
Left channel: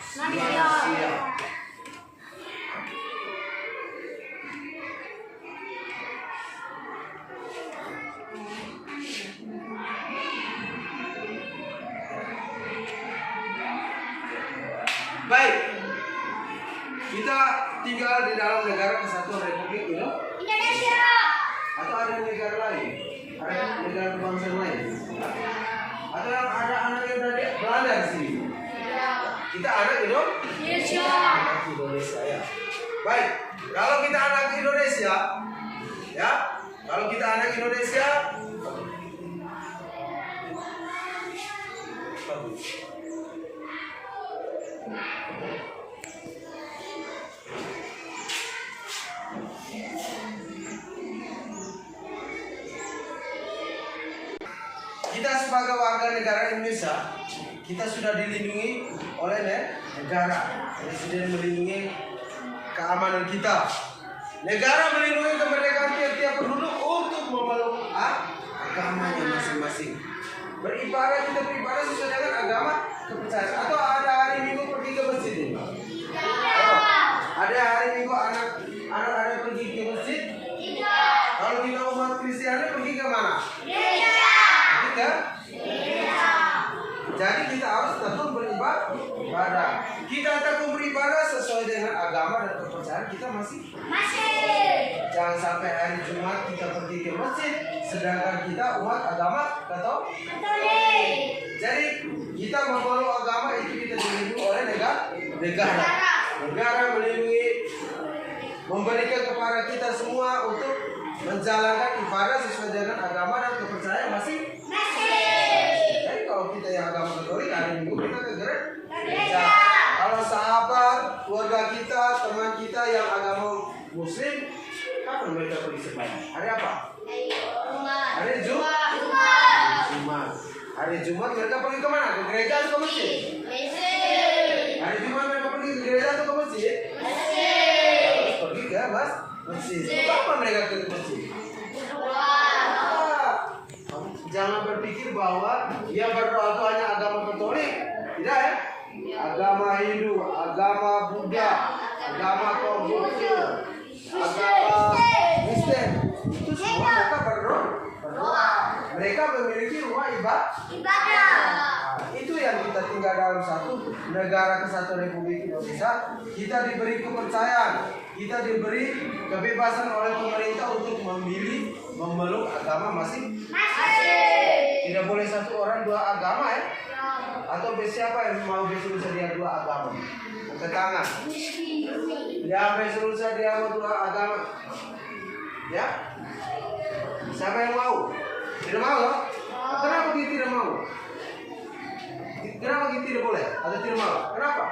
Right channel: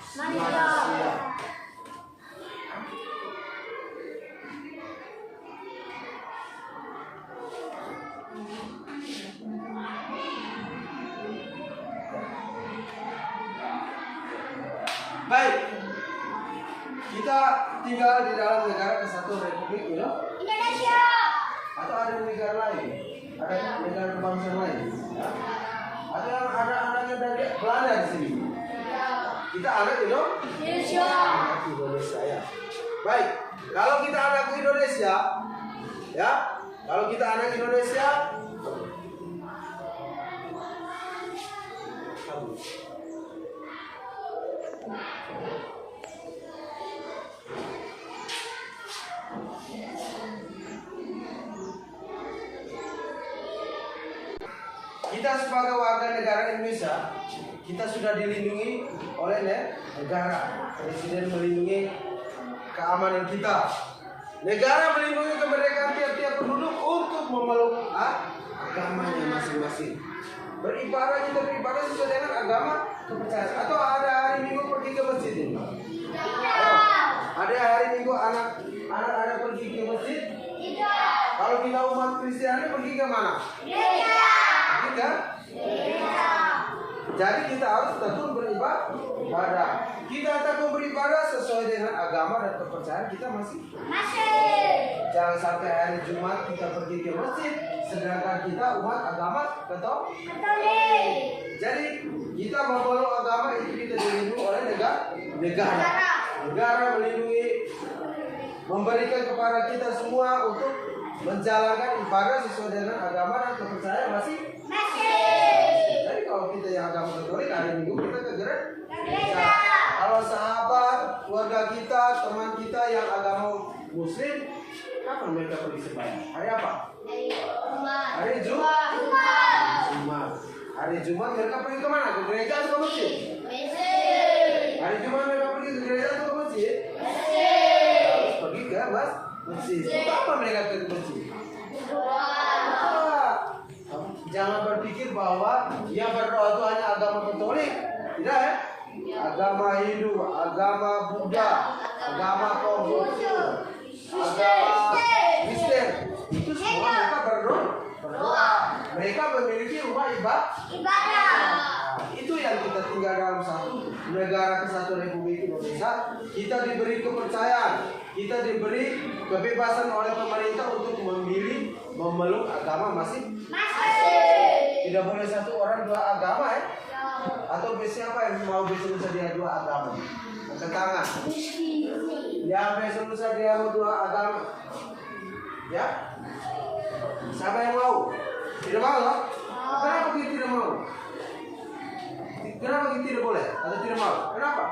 Baik, kita tinggal di dalam negara kesatuan Republik Indonesia. Atau ada negara lain? Ada negara bangsa lain? Ada anak yang dari Belanda di sini. Kita anak Indonesia. Ya. Baik, kalau kita anak Indonesia, ya, kalau kita anak Indonesia, Kita sebagai warga negara Indonesia, kita sudah dilindungi oleh negara. Presiden melindungi keamanan kita. Negara melindungi kemerdekaan tiap-tiap penduduk untuk memeluk agamanya masing-masing. Beribadah, kita beribadah sesuai dengan agama kepercayaan. Atau ada hari Minggu pergi ke masjid ini? Ada hari Minggu anak pergi ke masjid? Kalau kita umat Kristiani pergi ke mana? Kita? Jadi kita harus tentu beribadah. Kita akan beribadah sesuai dengan agama dan kepercayaan kita masih. Jangan sampai hari Jumat kita pergi ke masjid, sedangkan kita umat agama Katolik. Jadi kita memeluk agama itu kita dilindungi oleh negara. Negara melindungi, memberikan kepada kita semua untuk menjalankan ibadah sesuai dengan agama dan kepercayaan masing. Jadi kalau kita yang agama Katolik hari Minggu kita ke gereja. Kalau sahabat, keluarga kita, teman kita yang agama Muslim, kapan mereka pergi sembahyang? Hari apa? Hari Jumat. Hari Jumat mereka pergi ke mana? Ke gereja atau ke masjid? Hari Jumat mereka pergi ke gereja atau ke masjid? Harus pergi ke masjid. Kapan mereka ke masjid? Jangan berpikir bahwa yang berdoa itu hanya agama Katolik. Tidak ya? Agama Hindu, agama Buddha, agama Konghucu, agama Kristen, itu semua mereka berdoa. Mereka memiliki rumah ibadah. Itu yang kita tinggal dalam satu negara kesatuan Republik Indonesia. Kita diberi kepercayaan, kita diberi kebebasan oleh pemerintah untuk memilih memeluk agama masing-masing. Tidak boleh satu orang dua agama ya. Atau siapa yang mau besok dia dua agama? Angkat tangan. Ya besok dia mau dua agama. Ya? Siapa yang mau? Tidak mau? Kenapa kita tidak mau? Kenapa kita tidak boleh? Atau tidak mau? Kenapa?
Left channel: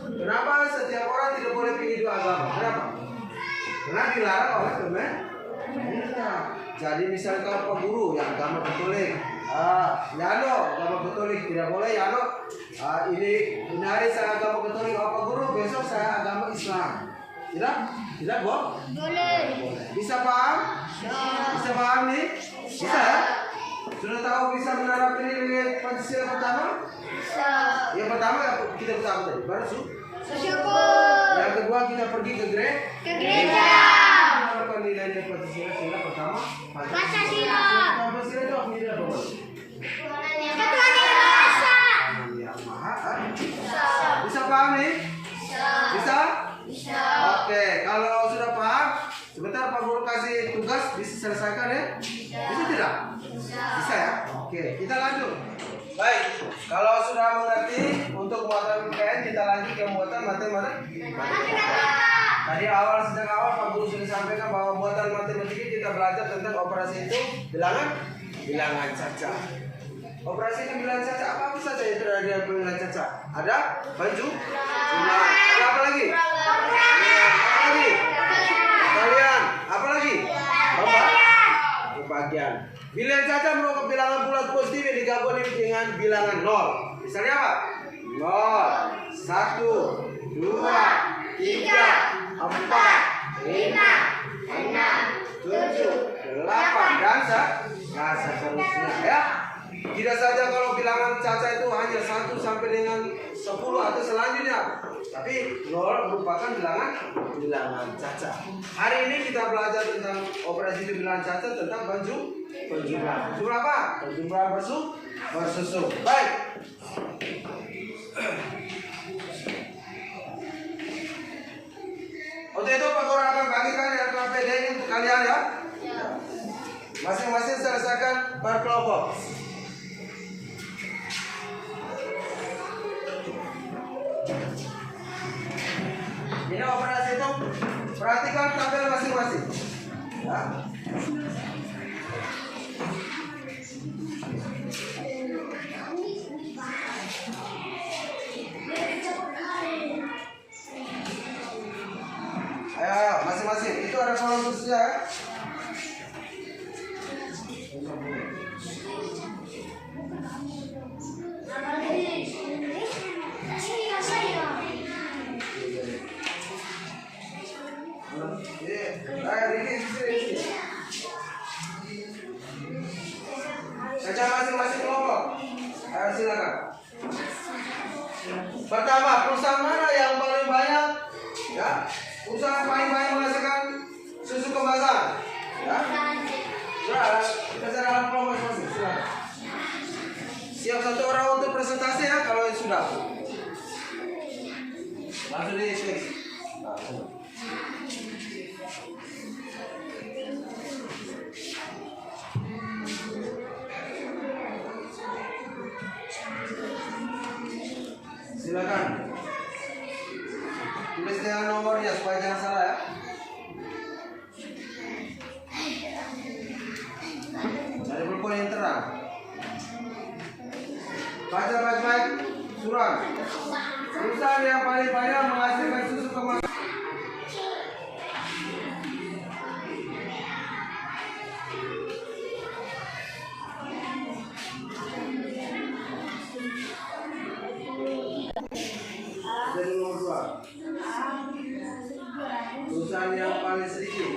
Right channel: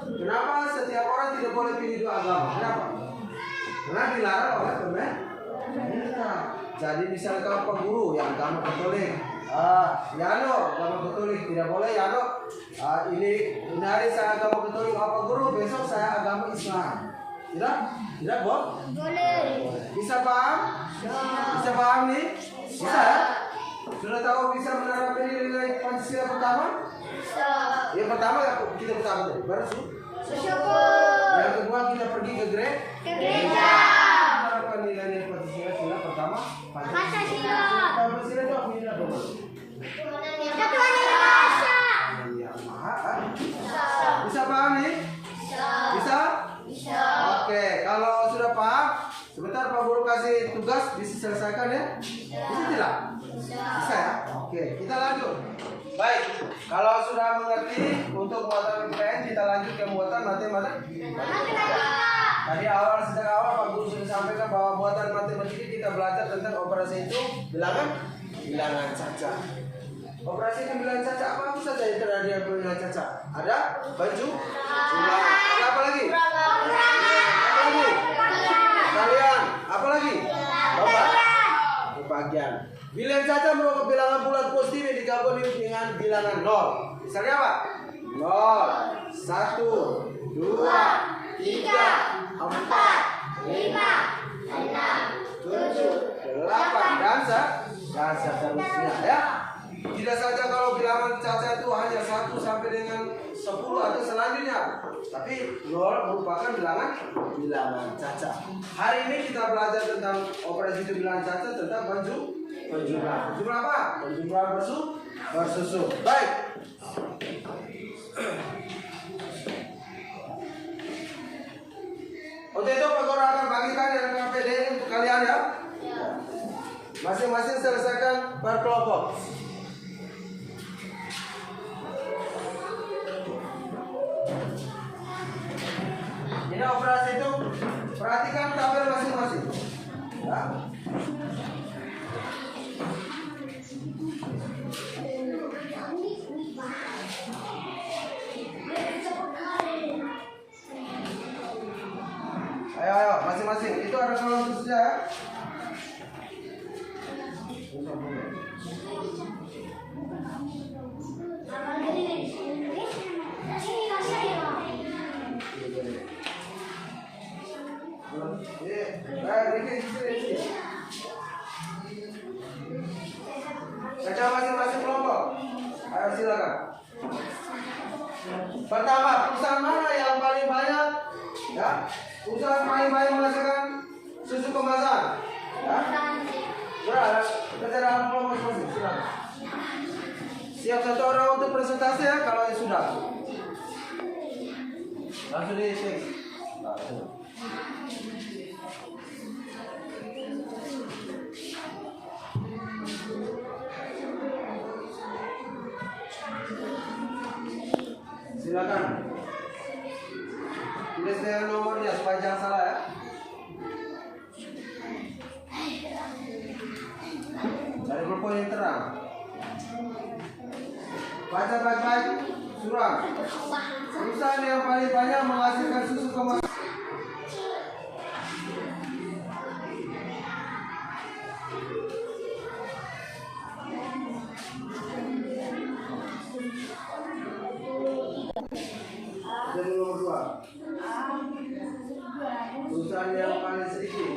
Kenapa setiap orang tidak boleh pilih dua agama? Kenapa? Karena dilarang oleh pemerintah. Jadi misalkan Pak Guru yang agama Katolik, Yano agama Katolik tidak boleh Yano. Ini hari saya agama Katolik, Pak Guru besok saya agama Islam. Tidak boleh. Bisa paham? Bisa paham nih? Bisa ya? Sudah tahu bisa menerapkan ini Pancasila pertama? Bisa. Yang pertama kita pertama tadi, baru bersyukur. Yang kedua kita pergi ke gereja. Menerapkan nilai Pancasila pertama. Pancasila itu artinya apa? Bisa paham nih? Bisa? Oke, kalau sudah paham, sebentar Pak Guru kasih tugas bisa selesaikan ya? Bisa tidak? Bisa ya? Oke, kita lanjut. Baik, kalau sudah mengerti untuk muatan PPN kita lanjut ke muatan matematika. Tadi sejak awal Pak Guru sudah sampaikan bahwa muatan matematika kita belajar tentang operasi itu bilangan caca. Operasi itu bilangan caca apa saja yang terjadi dengan bilangan caca? Ada jumlah. Ada apa lagi? Apa lagi? Kalian. Apa lagi? Pembagian. Bilangan caca merupakan bilangan bulat positif yang digabung dengan bilangan 0. Misalnya apa? 0, 1, 2, 3, 4, 5, 6, 7, 8 dan seterusnya ya. Tidak saja kalau bilangan caca itu hanya 1 sampai dengan 10 atau selanjutnya, tapi 0 merupakan bilangan caca. Hari ini kita belajar tentang operasi bilangan caca tentang penjumlahan. Penjumlahan apa? Penjumlahan bersusun. Baik. Untuk itu Pak Guru akan bagikan yang PPD untuk kalian ya. Masing-masing selesaikan per kelompok. Ini operasi itu perhatikan tabel masing-masing. Ya. silakan. Pertama, perusahaan mana yang paling banyak? Ya, perusahaan paling banyak menghasilkan susu kemasan. Ya, sudah, terserah kelompok masing-masing. Silakan. Siap satu orang untuk presentasi ya, kalau sudah. Langsung di switch. Silakan. Tulis dengan nomornya supaya jangan salah ya. Cari buku yang terang. Baca baik-baik surat. Perusahaan yang paling banyak menghasilkan susu kemasan. Jadi nomor 2. Perusahaan yang paling sedikit.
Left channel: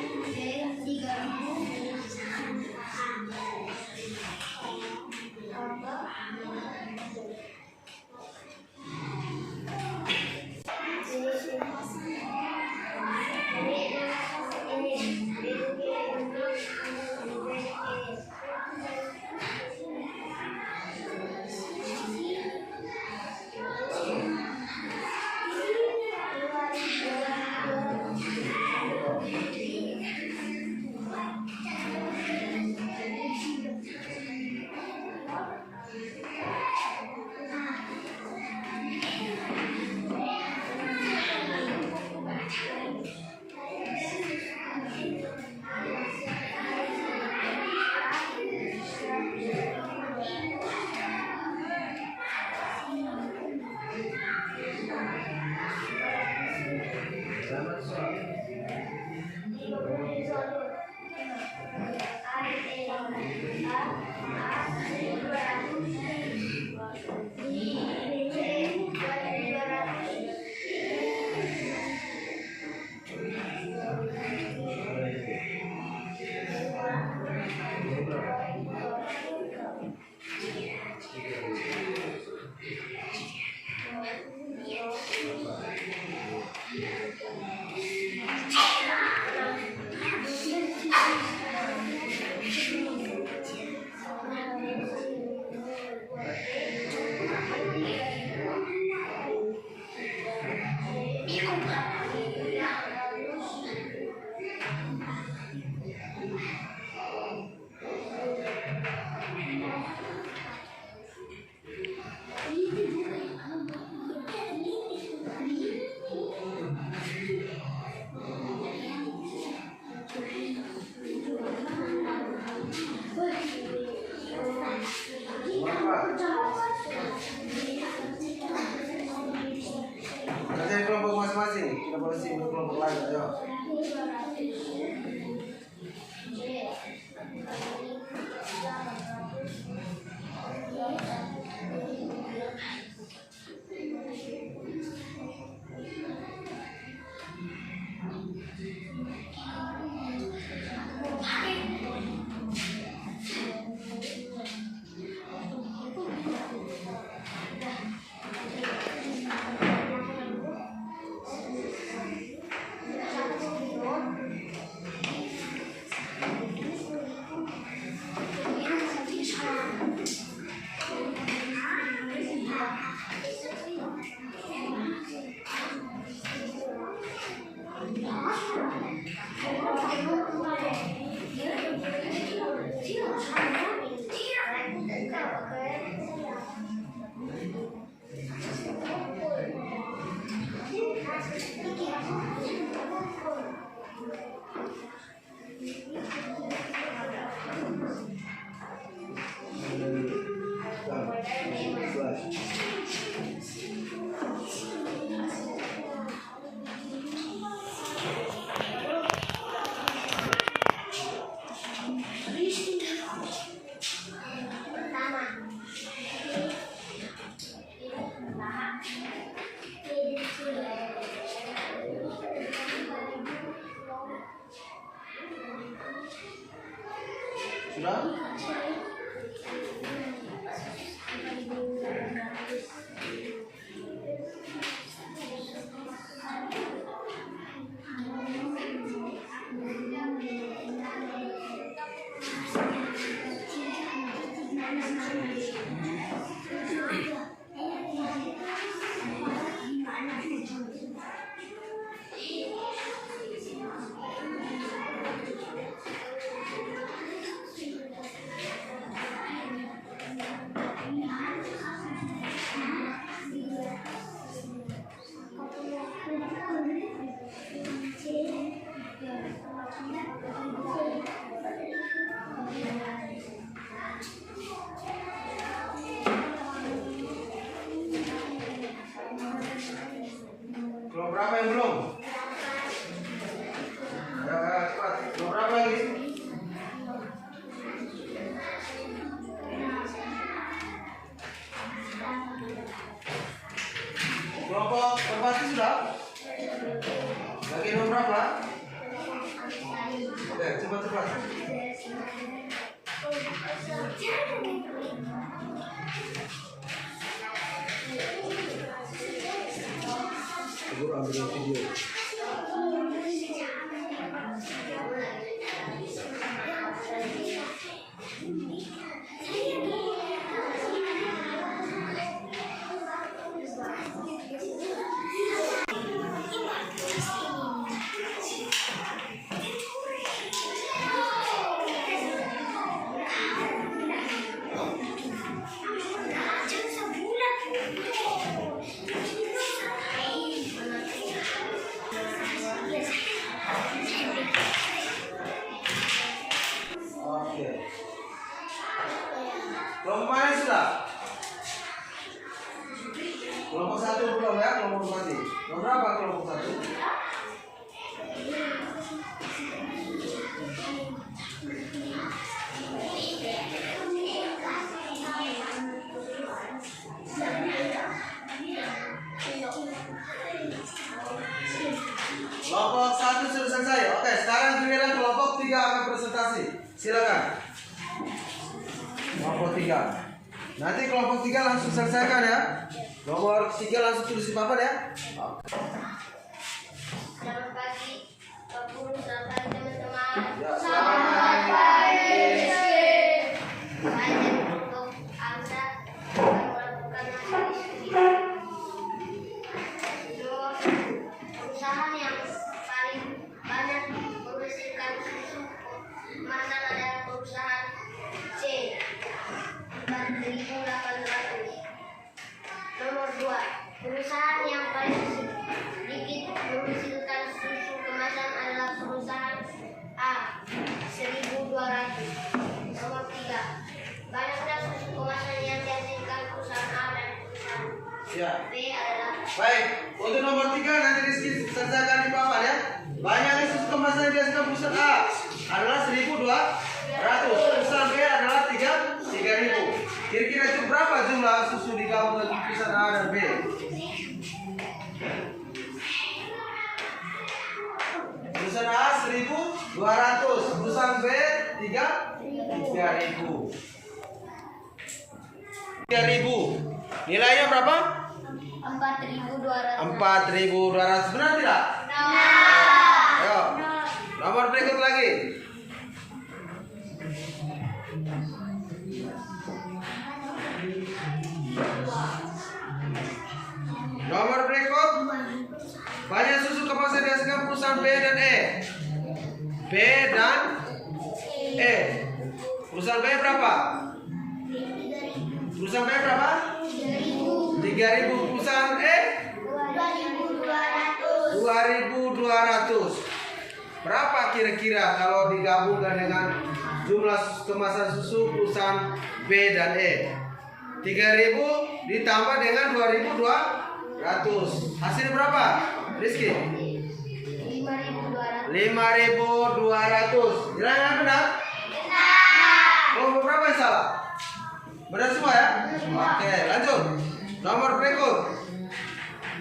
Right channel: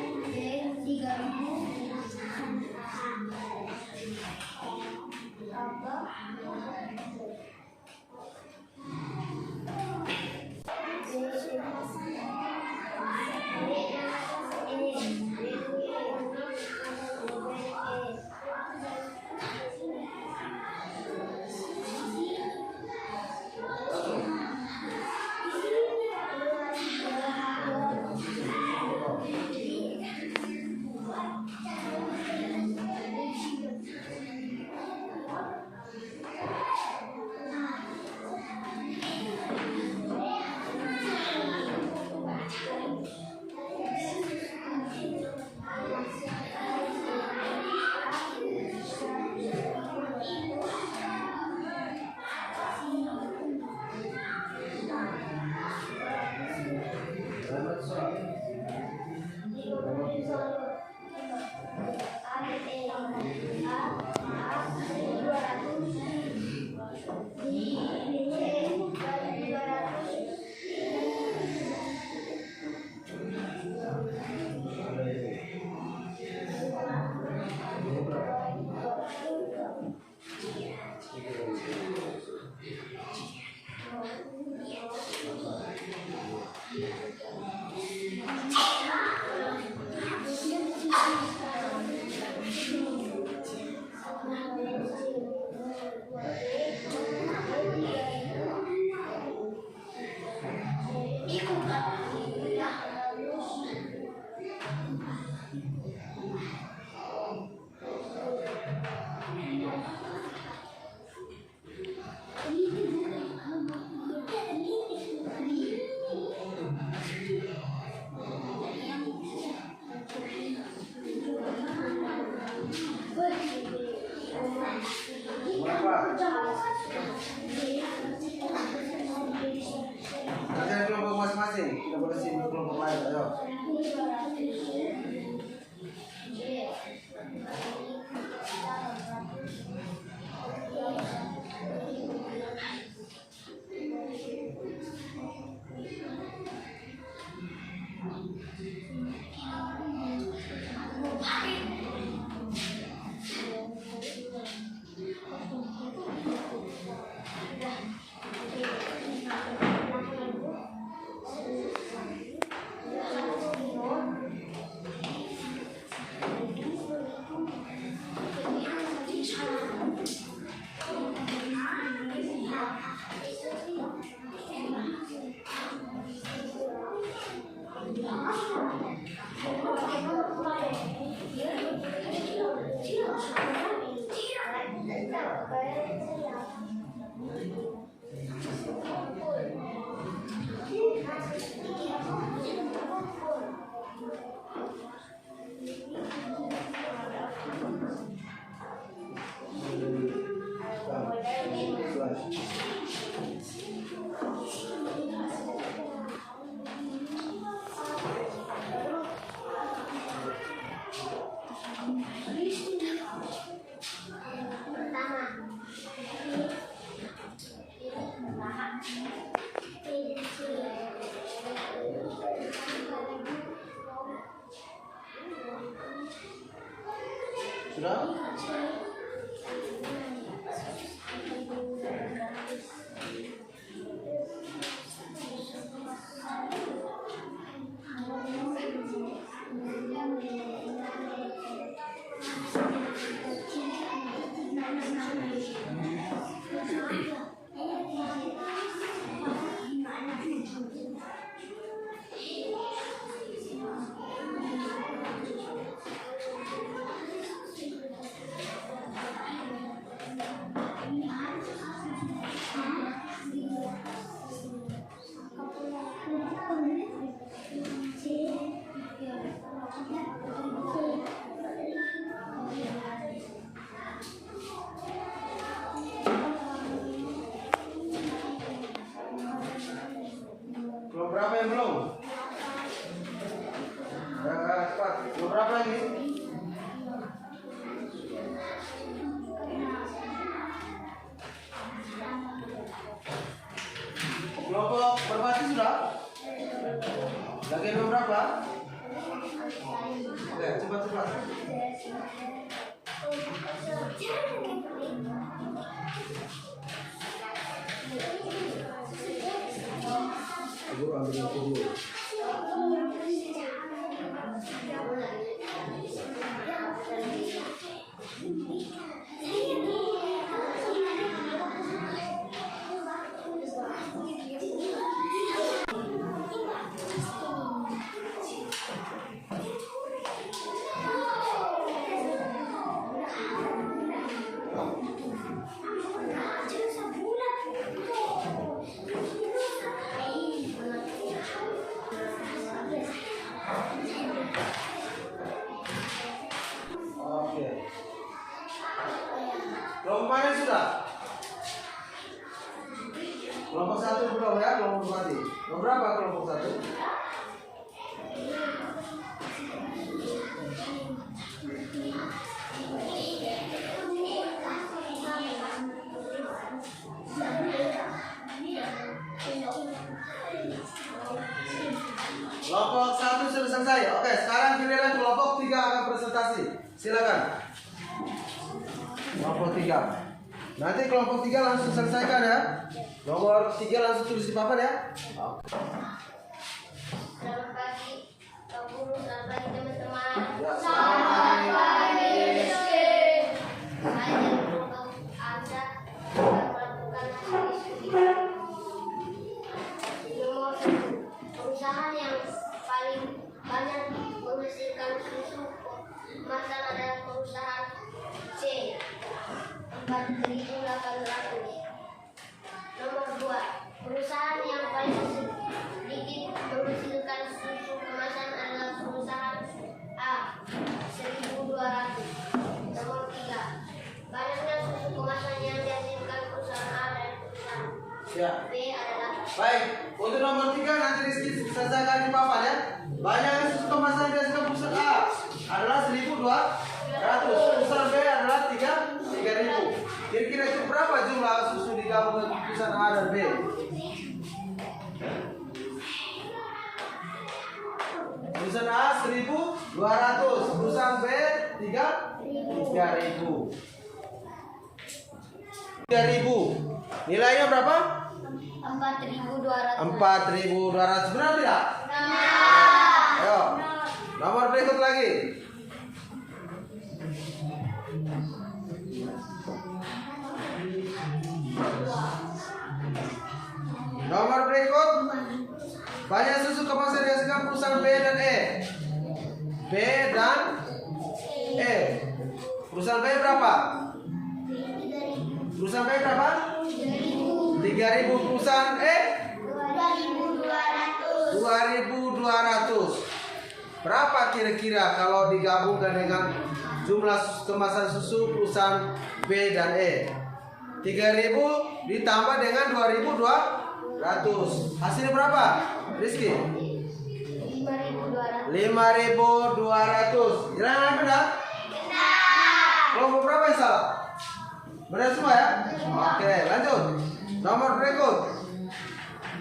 Cari kelompok masing-masing. Kita boleh sih kelompok lain, ayo. Sudah? sudah? Kelompok 1 belum ya, kelompok 2 mati. Nomor berapa kelompok 1? Kelompok 1 sudah selesai. Oke, sekarang giliran kelompok 3 akan presentasi. Silakan. Kelompok 3. Nanti kelompok 3 langsung selesaikan ya. Nomor 3 langsung tulis di papan ya. Selamat pagi, Pak Guru, selamat pagi teman-teman. Ya, selamat pagi. Saya untuk Anda melakukan hasil studi. Nomor perusahaan yang paling banyak menghasilkan susu kemasan adalah perusahaan C, 4.800. Nomor 2, perusahaan yang paling sedikit menghasilkan susu kemasan adalah perusahaan A, 1.200. Nomor 3, banyaknya susu kemasan yang dihasilkan perusahaan A dan perusahaan Ya. B adalah. Baik, untuk nomor 3 nanti Rizky selesaikan di papan ya. Banyaknya susu kemasan yang dihasilkan perusahaan A adalah 1.200. Perusahaan B adalah 3.000. Kira-kira itu berapa jumlah susu digabung dengan perusahaan A dan B? Perusahaan A 1.200, perusahaan B 3.000. Nilainya berapa? 4.200. 4.200. Benar tidak? Ayo. Nomor berikut lagi. Nomor berikut. Banyak susu kemasan dihasilkan perusahaan B dan E. B dan E. Perusahaan B berapa? Perusahaan B berapa? 3.000. Perusahaan E 2.200. Berapa kira-kira kalau digabungkan dengan jumlah kemasan susu perusahaan B dan E? 3.000 ditambah dengan 2.200. Hasil berapa, Rizky? 5.200. 5.200. Kira-kira benar? Kelompok berapa yang salah? Benar semua ya? Oke, lanjut. Nomor berikut.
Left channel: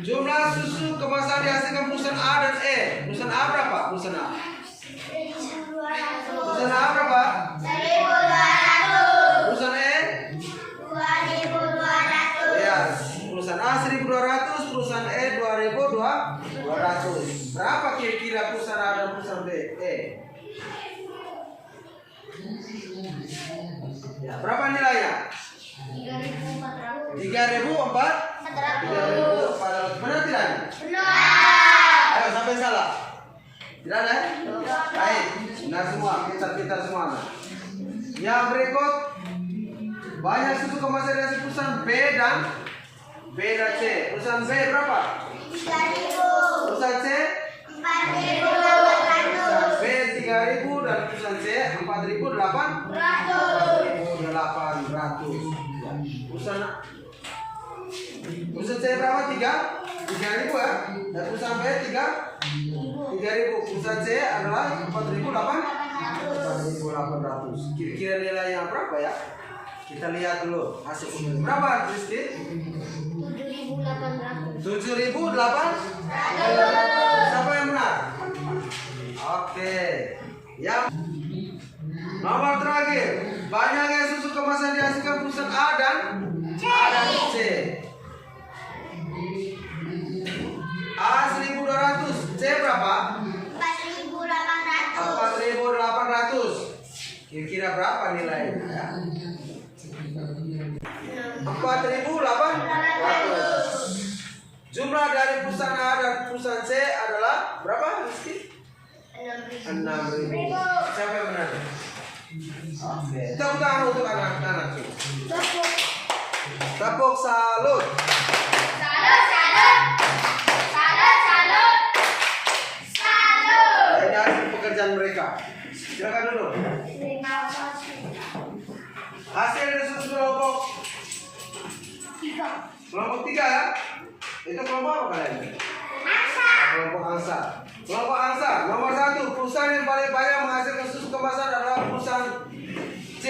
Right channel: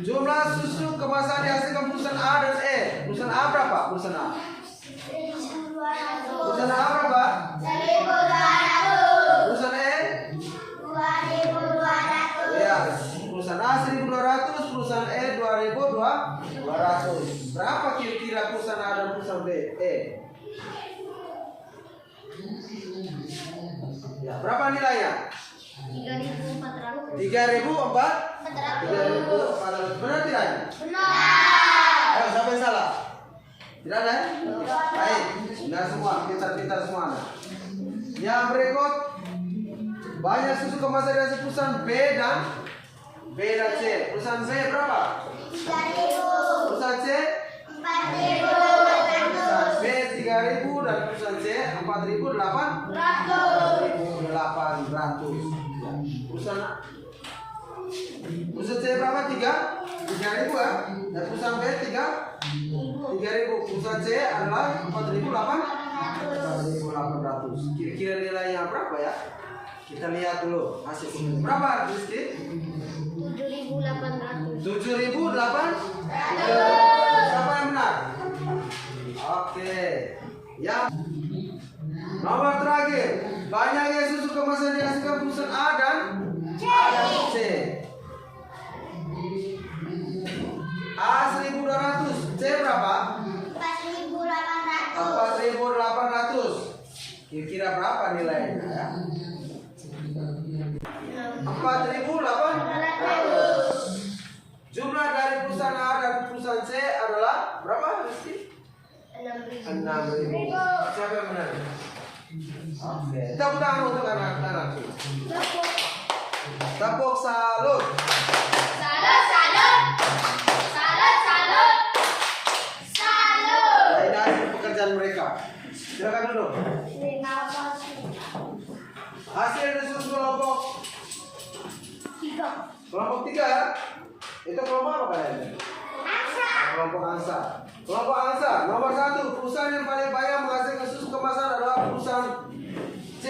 Jumlah susu kemasan dihasilkan perusahaan A dan E. Perusahaan A berapa? Perusahaan A. Perusahaan A berapa? 1.200. Perusahaan E? 2.200. Ya, perusahaan A 1.200, perusahaan E 2.200. Berapa kira-kira perusahaan A dan perusahaan B? E. Ya, berapa nilainya? 3.400. 3.400. Benar tidak? Benar. Ayo, siapa yang salah? Tidak ada? Baik, benar semua, pintar-pintar semua. Yang berikut, banyak susu kemasan dari perusahaan B dan C. Perusahaan B berapa? 3.000. Perusahaan C 4.800. perusahaan B 3.000 dan perusahaan C 4.800. Ya. Perusahaan C berapa? 3.000 ya. Dan perusahaan B 3.000. Perusahaan C adalah 4.800. Kira-kira nilainya berapa ya? Kita lihat dulu hasil berapa, Rizky? 7.800. 7.800. Siapa yang benar? Oke. Yang nomor terakhir, banyaknya susu kemasan dihasilkan perusahaan A dan C. A 1.200, C berapa? 4.800. 4.800. Kira-kira berapa nilainya ya? 4.800. Jumlah dari perusahaan A dan perusahaan C adalah berapa, Rizky? 6.000. 6.000. Siapa yang benar? Oke. Tepuk tangan untuk anak-anak. Tepuk salut. Salut, salut. Salut, salut. Salut. Ini hasil pekerjaan mereka. Silakan duduk. Terima kasih. Hasil dari susu kelompok Kelompok 3 itu kelompok apa kalian? Kelompok angsa. Kelompok angsa nomor 1, perusahaan yang paling banyak menghasilkan susu kemasan adalah perusahaan C,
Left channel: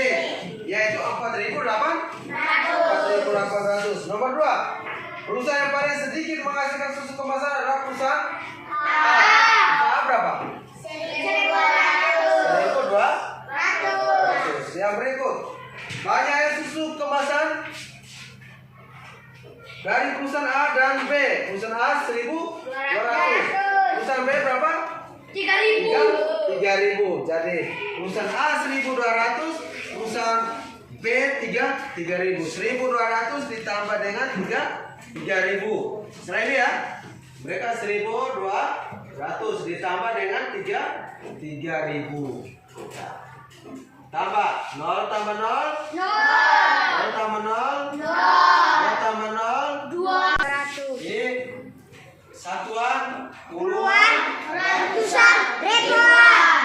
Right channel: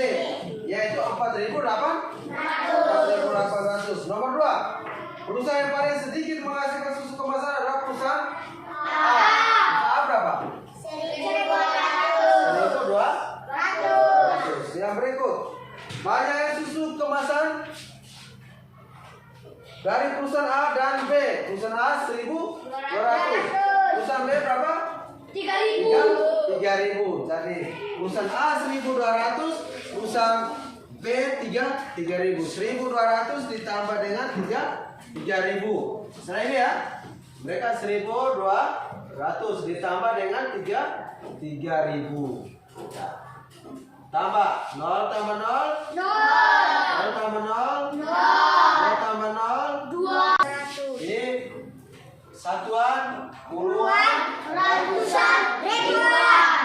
yaitu 4.800. Nomor 2, perusahaan yang paling sedikit menghasilkan susu kemasan adalah perusahaan A. A berapa? 1.200. Yang berikut, banyaknya susu kemasan dari perusahaan A dan B. Perusahaan A 1.200. Perusahaan B berapa? 3.000. Jadi perusahaan A 1.200, perusahaan B 3.000. 1.200 ditambah dengan 3.000. Setelah ini ya, mereka 1.200 ditambah dengan 3.000. Tambah 0 tambah 0 0 tambah 0 0 tambah 0 200. ini satuan, puluhan, Ratusan, ribuan.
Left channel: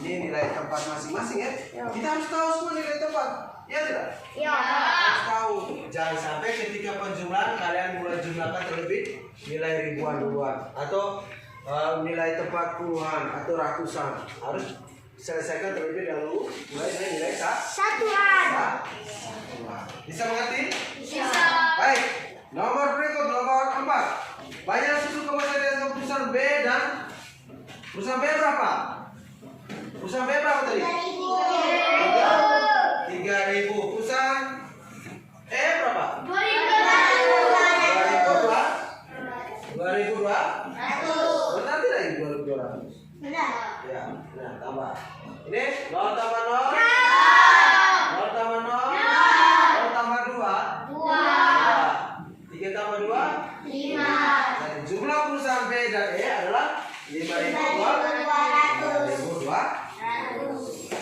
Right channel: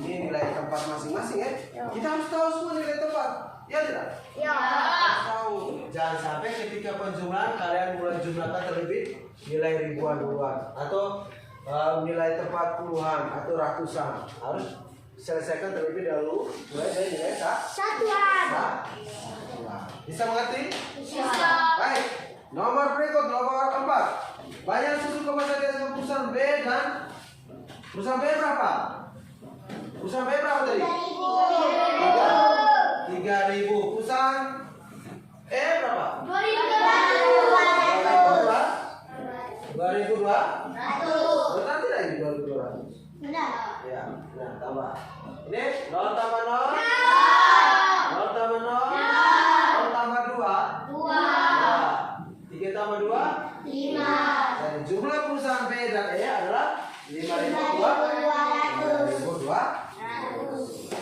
Ini nilai tempat masing-masing ya. Kita harus tahu semua nilai tempat. Ya tidak? Ya. Harus tahu. Jangan sampai ketika penjumlahan kalian mulai jumlahkan terlebih nilai ribuan duluan atau nilai tempat puluhan atau ratusan. Harus selesaikan terlebih dahulu mulai dari nilai Satuan. Bisa mengerti? Bisa. Baik. Nomor berikut nomor 4. Banyak susu kemasan dari perusahaan B dan perusahaan B berapa? Perusahaan B berapa tadi? 3.000. Perusahaan E berapa? 2.200. Benar tidak ini 2.200? Benar. Ya, nah tambah. Ini 0 tambah 0 0 tambah 0 0 tambah 2 3 tambah 2 5. Dan jumlah perusahaan B dan E adalah 5.200.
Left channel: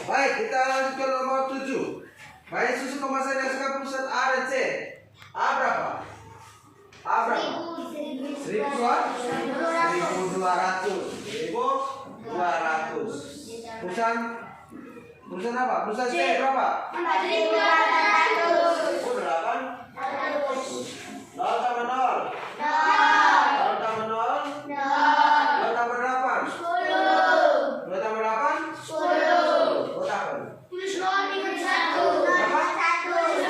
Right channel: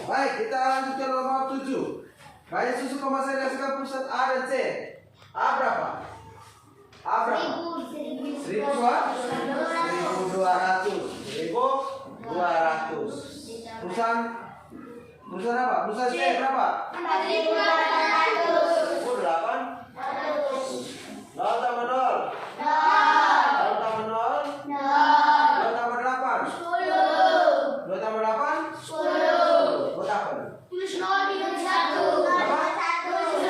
Baik, kita lanjutkan nomor 7. Banyak susu kemasan yang suka perusahaan A dan C. A berapa? A berapa? 1.200. Perusahaan apa? Perusahaan C berapa? 4.200. Oh, 8. 0 tambah 0 0 tambah 0 2 tambah 8 2 tambah 8 10. Buat apa? Tulis 0 ingat 1. Berapa? Tulis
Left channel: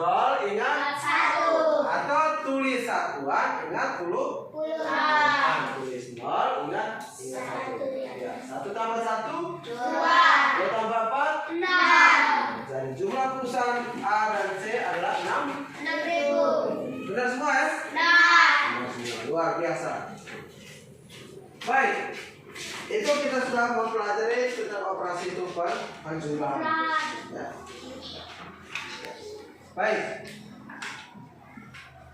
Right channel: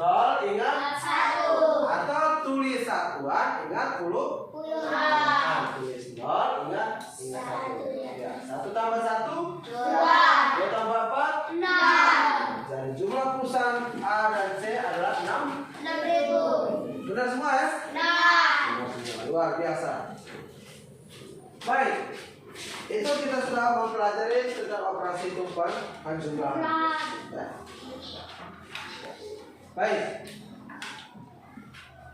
0 ingat 1. atau tulis satuan ingat puluhan. Tulis 0 ingat 1. Ya, 1 tambah 1 2 tambah 4 6. dan jumlah perusahaan A dan C adalah 6.000. benar semua ya? Benar semua. Luar biasa. Baik, itu kita sudah mempelajari tentang operasi hitung penjumlahan. Ya. Baik,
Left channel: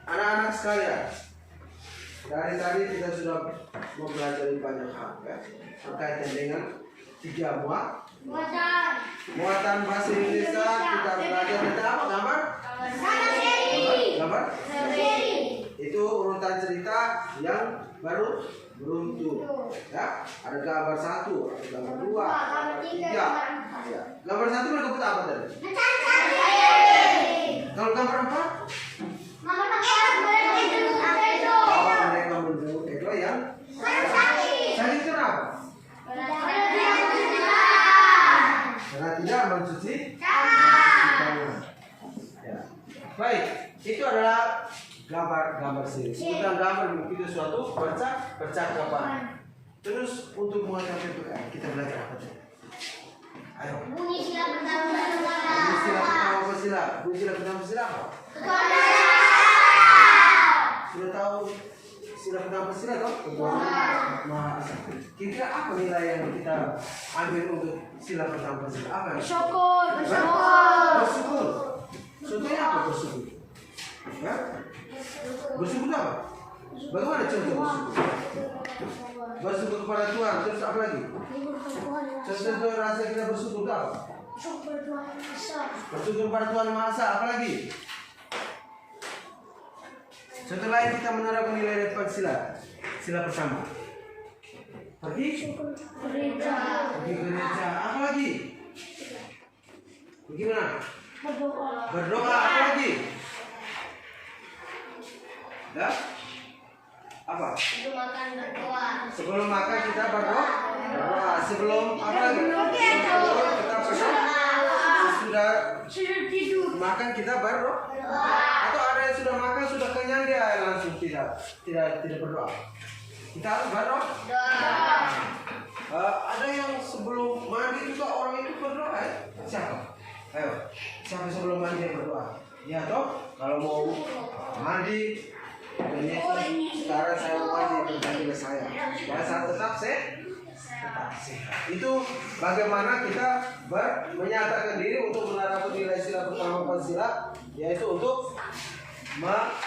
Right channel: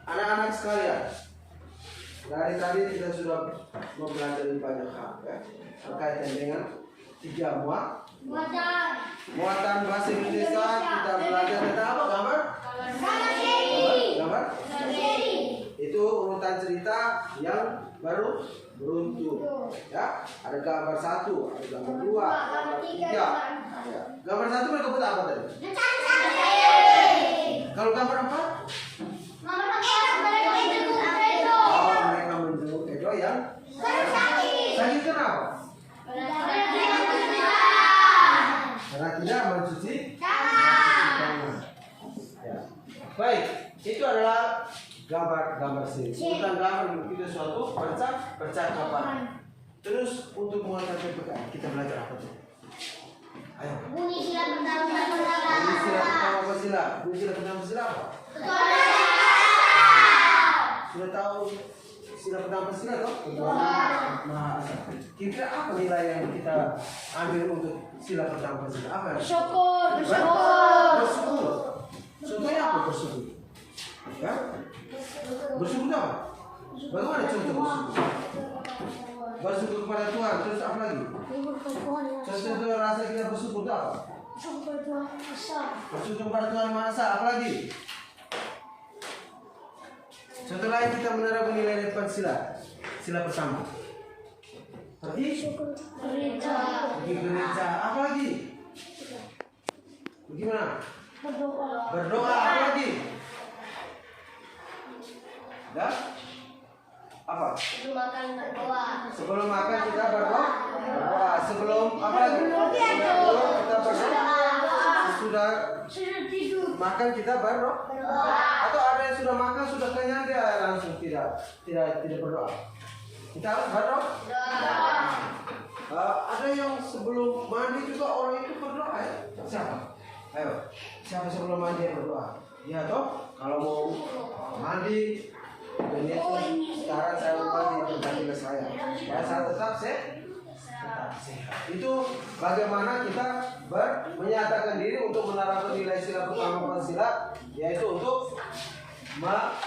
anak-anak sekalian, dari tadi kita sudah mempelajari banyak hal ya, berkaitan dengan 3 muatan bahasa Indonesia. Kita belajar tentang apa? Gambar? Itu urutan cerita yang baru beruntun. Ya, ada gambar 1, ada gambar 2, gambar 3. Ya. Gambar 1 berikut apa tadi? Kalau gambar 4? Oh, mereka menjenguk Edo yang sakit kenapa? Karena tidak mencuci tangan. Ya. Baik, itu adalah gambar sih. Sebutan gambar itu suatu percakapan. Terus untuk mengenai PPKN kita belajar apa tuh? Ayo. Bunyi sila pertama Bunyi sila pertama sila. Bunyi sila pertama sila apa? Sudah tahu sila pertama sila toh? Maha Esa. Kira-kira apa nilai yang kita ambil untuk sila pertama sila? Apa? Bersyukur. Bersyukur. Contohnya apa bersyukur? Ya? Bersyukur apa? Bagaimana contoh bersyukur? Bersyukur kepada Tuhan. Terus apa lagi? Contoh rasa kita bersyukur itu apa? Bersyukur kepada Tuhan Maha Esa. Apa lagi? Contoh lain kita menerapkan nilai depan sila pertama. Pergi gereja. Apa lagi? Bagaimana? Berdoa. Apa lagi? Dan apa? Sebelum makan berdoa. Sebelum makan kita berdoa. Sebelum apa lagi? Sebelum kita berdoa. Sudah tidur. makan kita berdoa. Atau ada yang sudah makan sudah kenyang dia langsung tidak berdoa. Kita harus berdoa. Ada yang sebelum mandi juga orang itu berdoa ya? Siapa? Ayo, siapa sebelum mandi berdoa? Ya toh, kalau mau mandi, ini sekarang saya mau mandi berganti saya. Dan saya tetap sehat. Itu bagaimana kita menyatakan diri untuk menerapkan nilai sila pertama Pancasila, yaitu untuk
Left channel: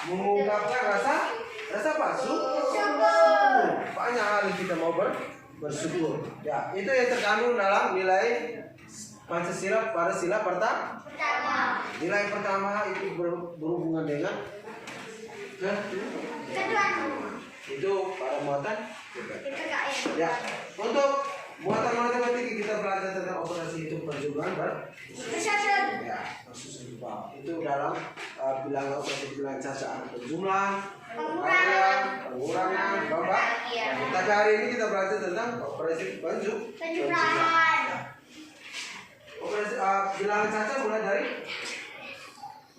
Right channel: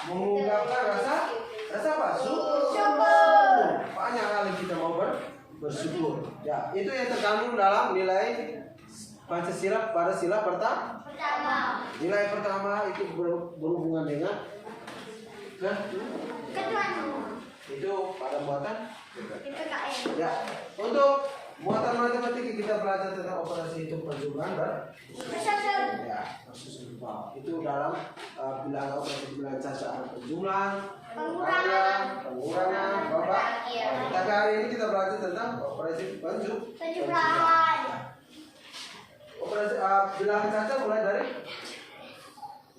mengungkapkan rasa apa? Syukur. Banyak kali kita mau bersyukur. Ya, itu yang terkandung dalam nilai Pancasila pada sila pertama. Nilai pertama itu berhubungan dengan itu pada muatan. Ya, untuk muatan matematika kita belajar tentang operasi hitung perjumlahan ya, itu dalam bilangan operasi bilangan cacaan penjumlahan, pengurangan, bagian. Tapi hari ini kita belajar tentang operasi penjumlahan. Operasi bilangan cacat mulai dari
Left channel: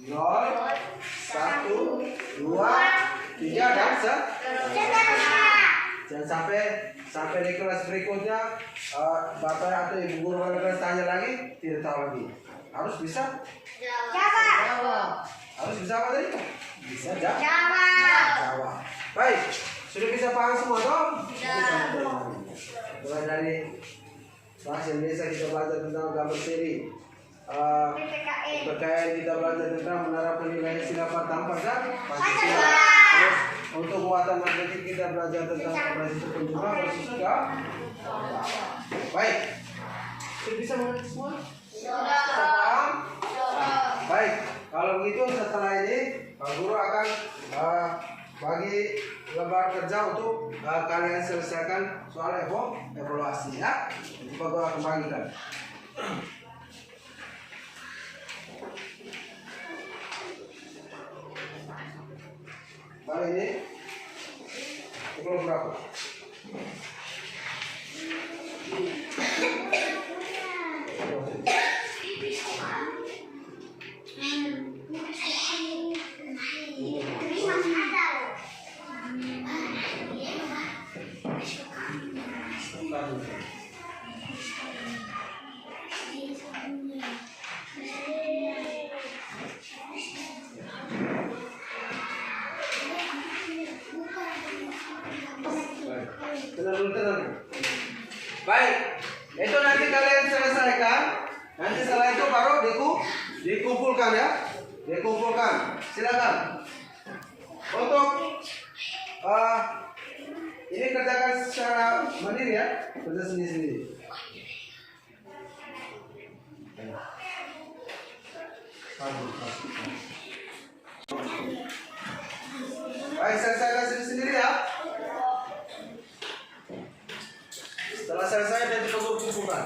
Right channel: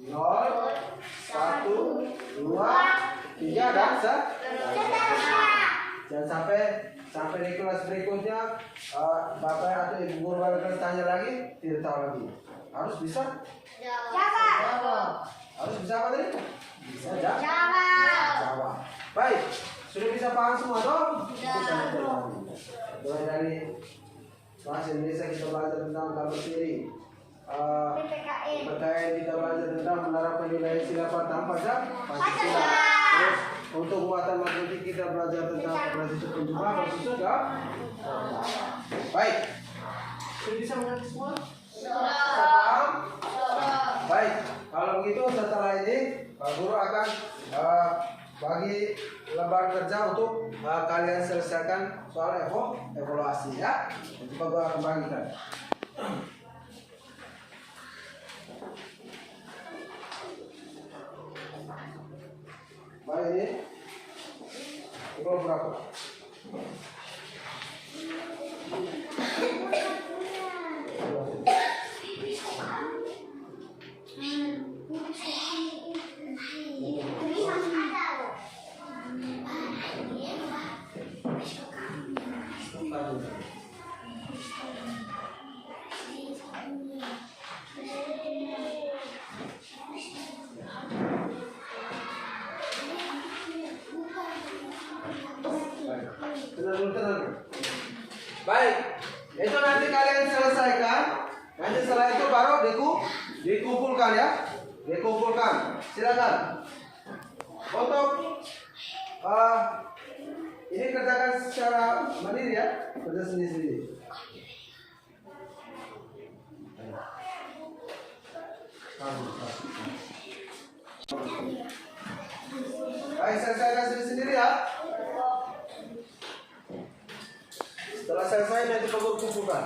0, 1, 2, 3 dan jangan sampai di kelas berikutnya bapak atau ibu guru kelas tanya lagi tidak tahu lagi. Harus bisa jawab. Harus bisa apa tadi? Bisa jawab. Baik, sudah bisa paham semua dong? Mulai dari bahasa Indonesia kita belajar tentang gambar seri. PPKN kita belajar tentang menerapkan nilai sila pertama Pancasila. Terus untuk muatan matematik kita belajar tentang operasi penjumlahan sudah. Baik, sudah bisa mengerti semua? Paham? Baik, kalau begitu setelah ini Pak Guru akan bagi lembar kerja untuk kalian selesaikan soal evaluasi ya. Nanti Pak Guru akan bagikan. Baik ini belum berapa? Tenang. Baik, itu nanti kalian selesaikan. Nanti setelah itu baru dikumpulkan ya. Dikumpulkan. Silakan. Untuk ini kerjakan secara mandiri ya, kerja sendiri-sendiri. Baik, selesaikan sendiri-sendiri ya. Setelah selesai nanti kamu kumpulkan.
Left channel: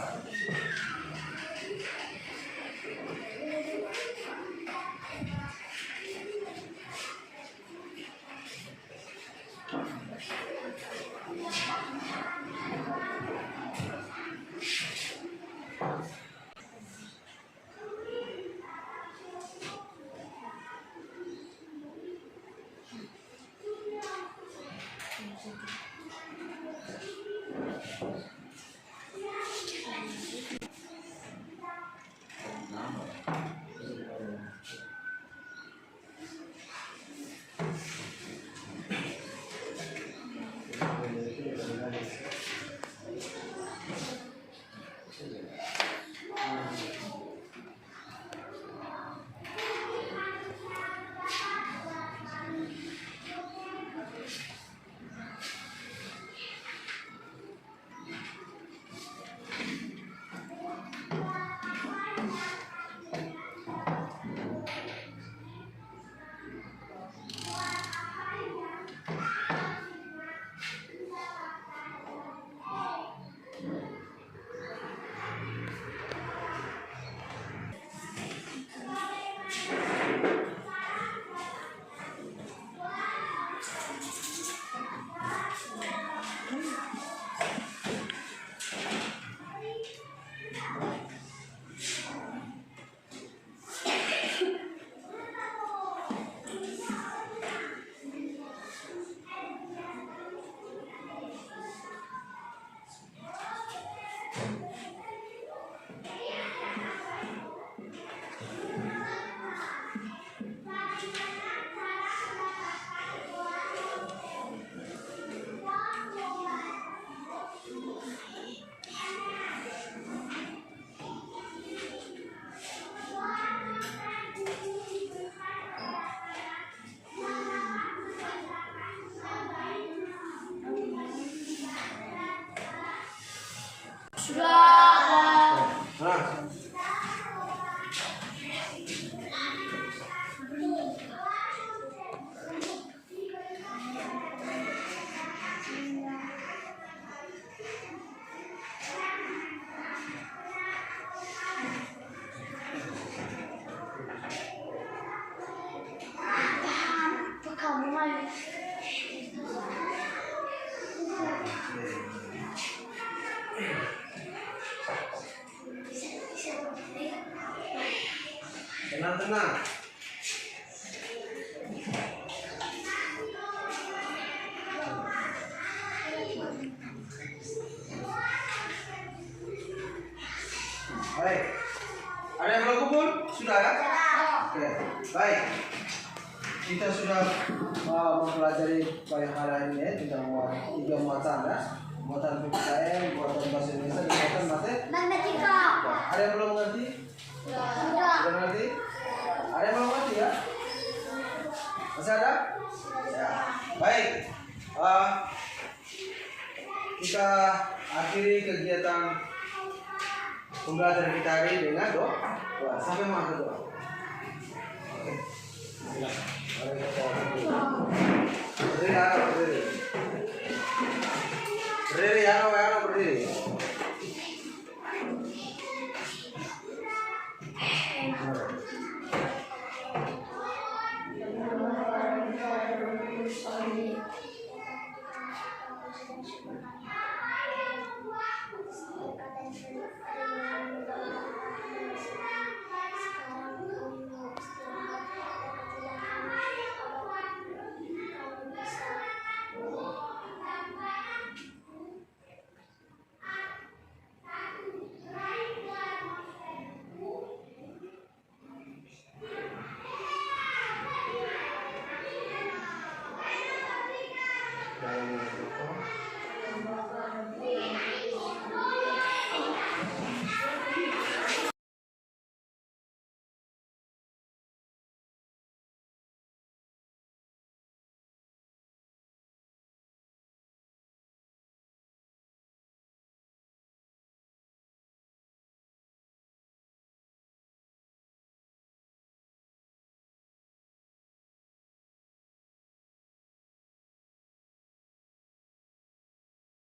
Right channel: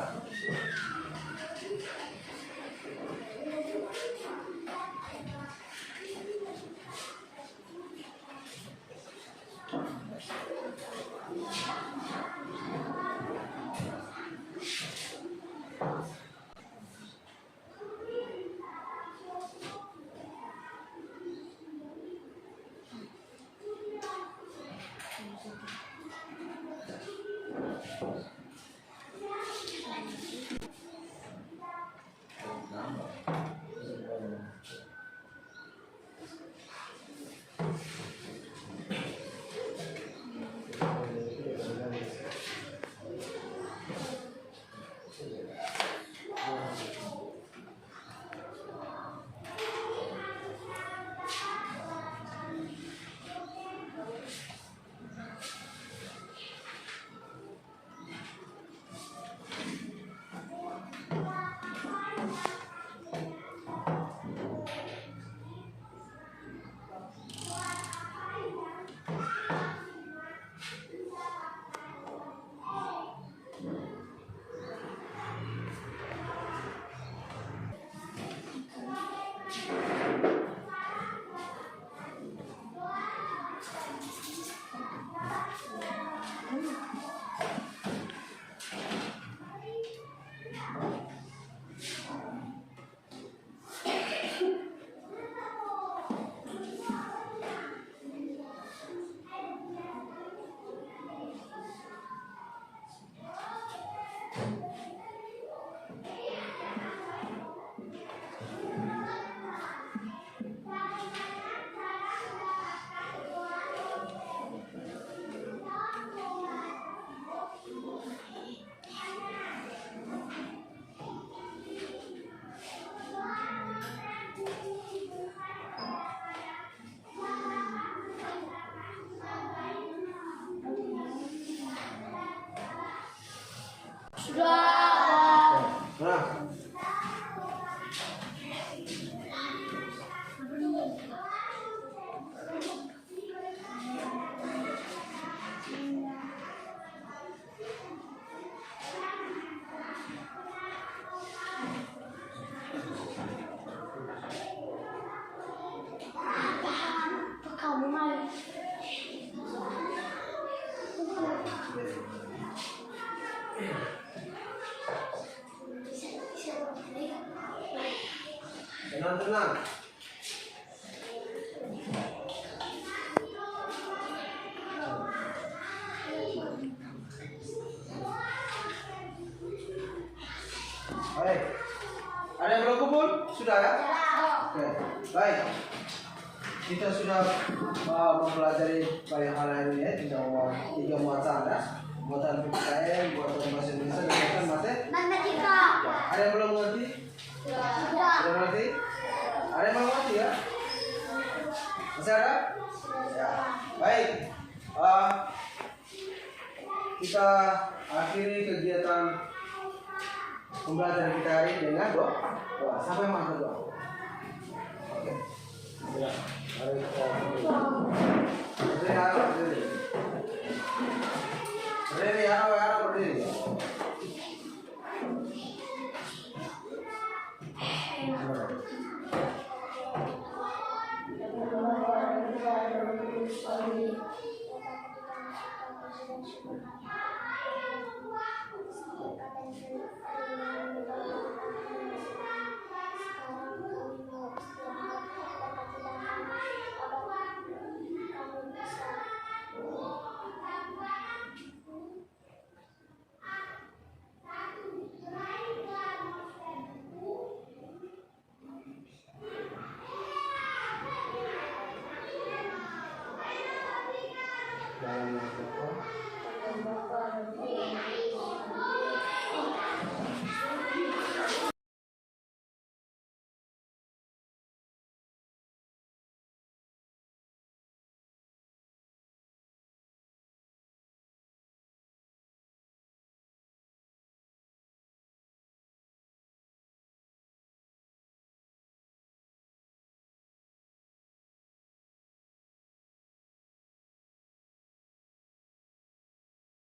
Sudah. Nah, Kamu main. tenang. Baik. Ada yang belum kumpul? Sudah ya? Oke. Baik. Kita sudah mempelajari banyak hal ini ya, tentang tiga muatan ya. Muatan PPKN, muatan bahasa Indonesia, dan muatan matematika. Ada yang belum mengerti? Sudah mengerti? Ada yang belum mengerti ya? Masih ada? Ya. Baik. Kita akhiri kegiatan pembelajaran kita hari ini dengan doa. Siapa yang mau doa? Oke. Mari kita berdiri. Berdiri ya, berdiri.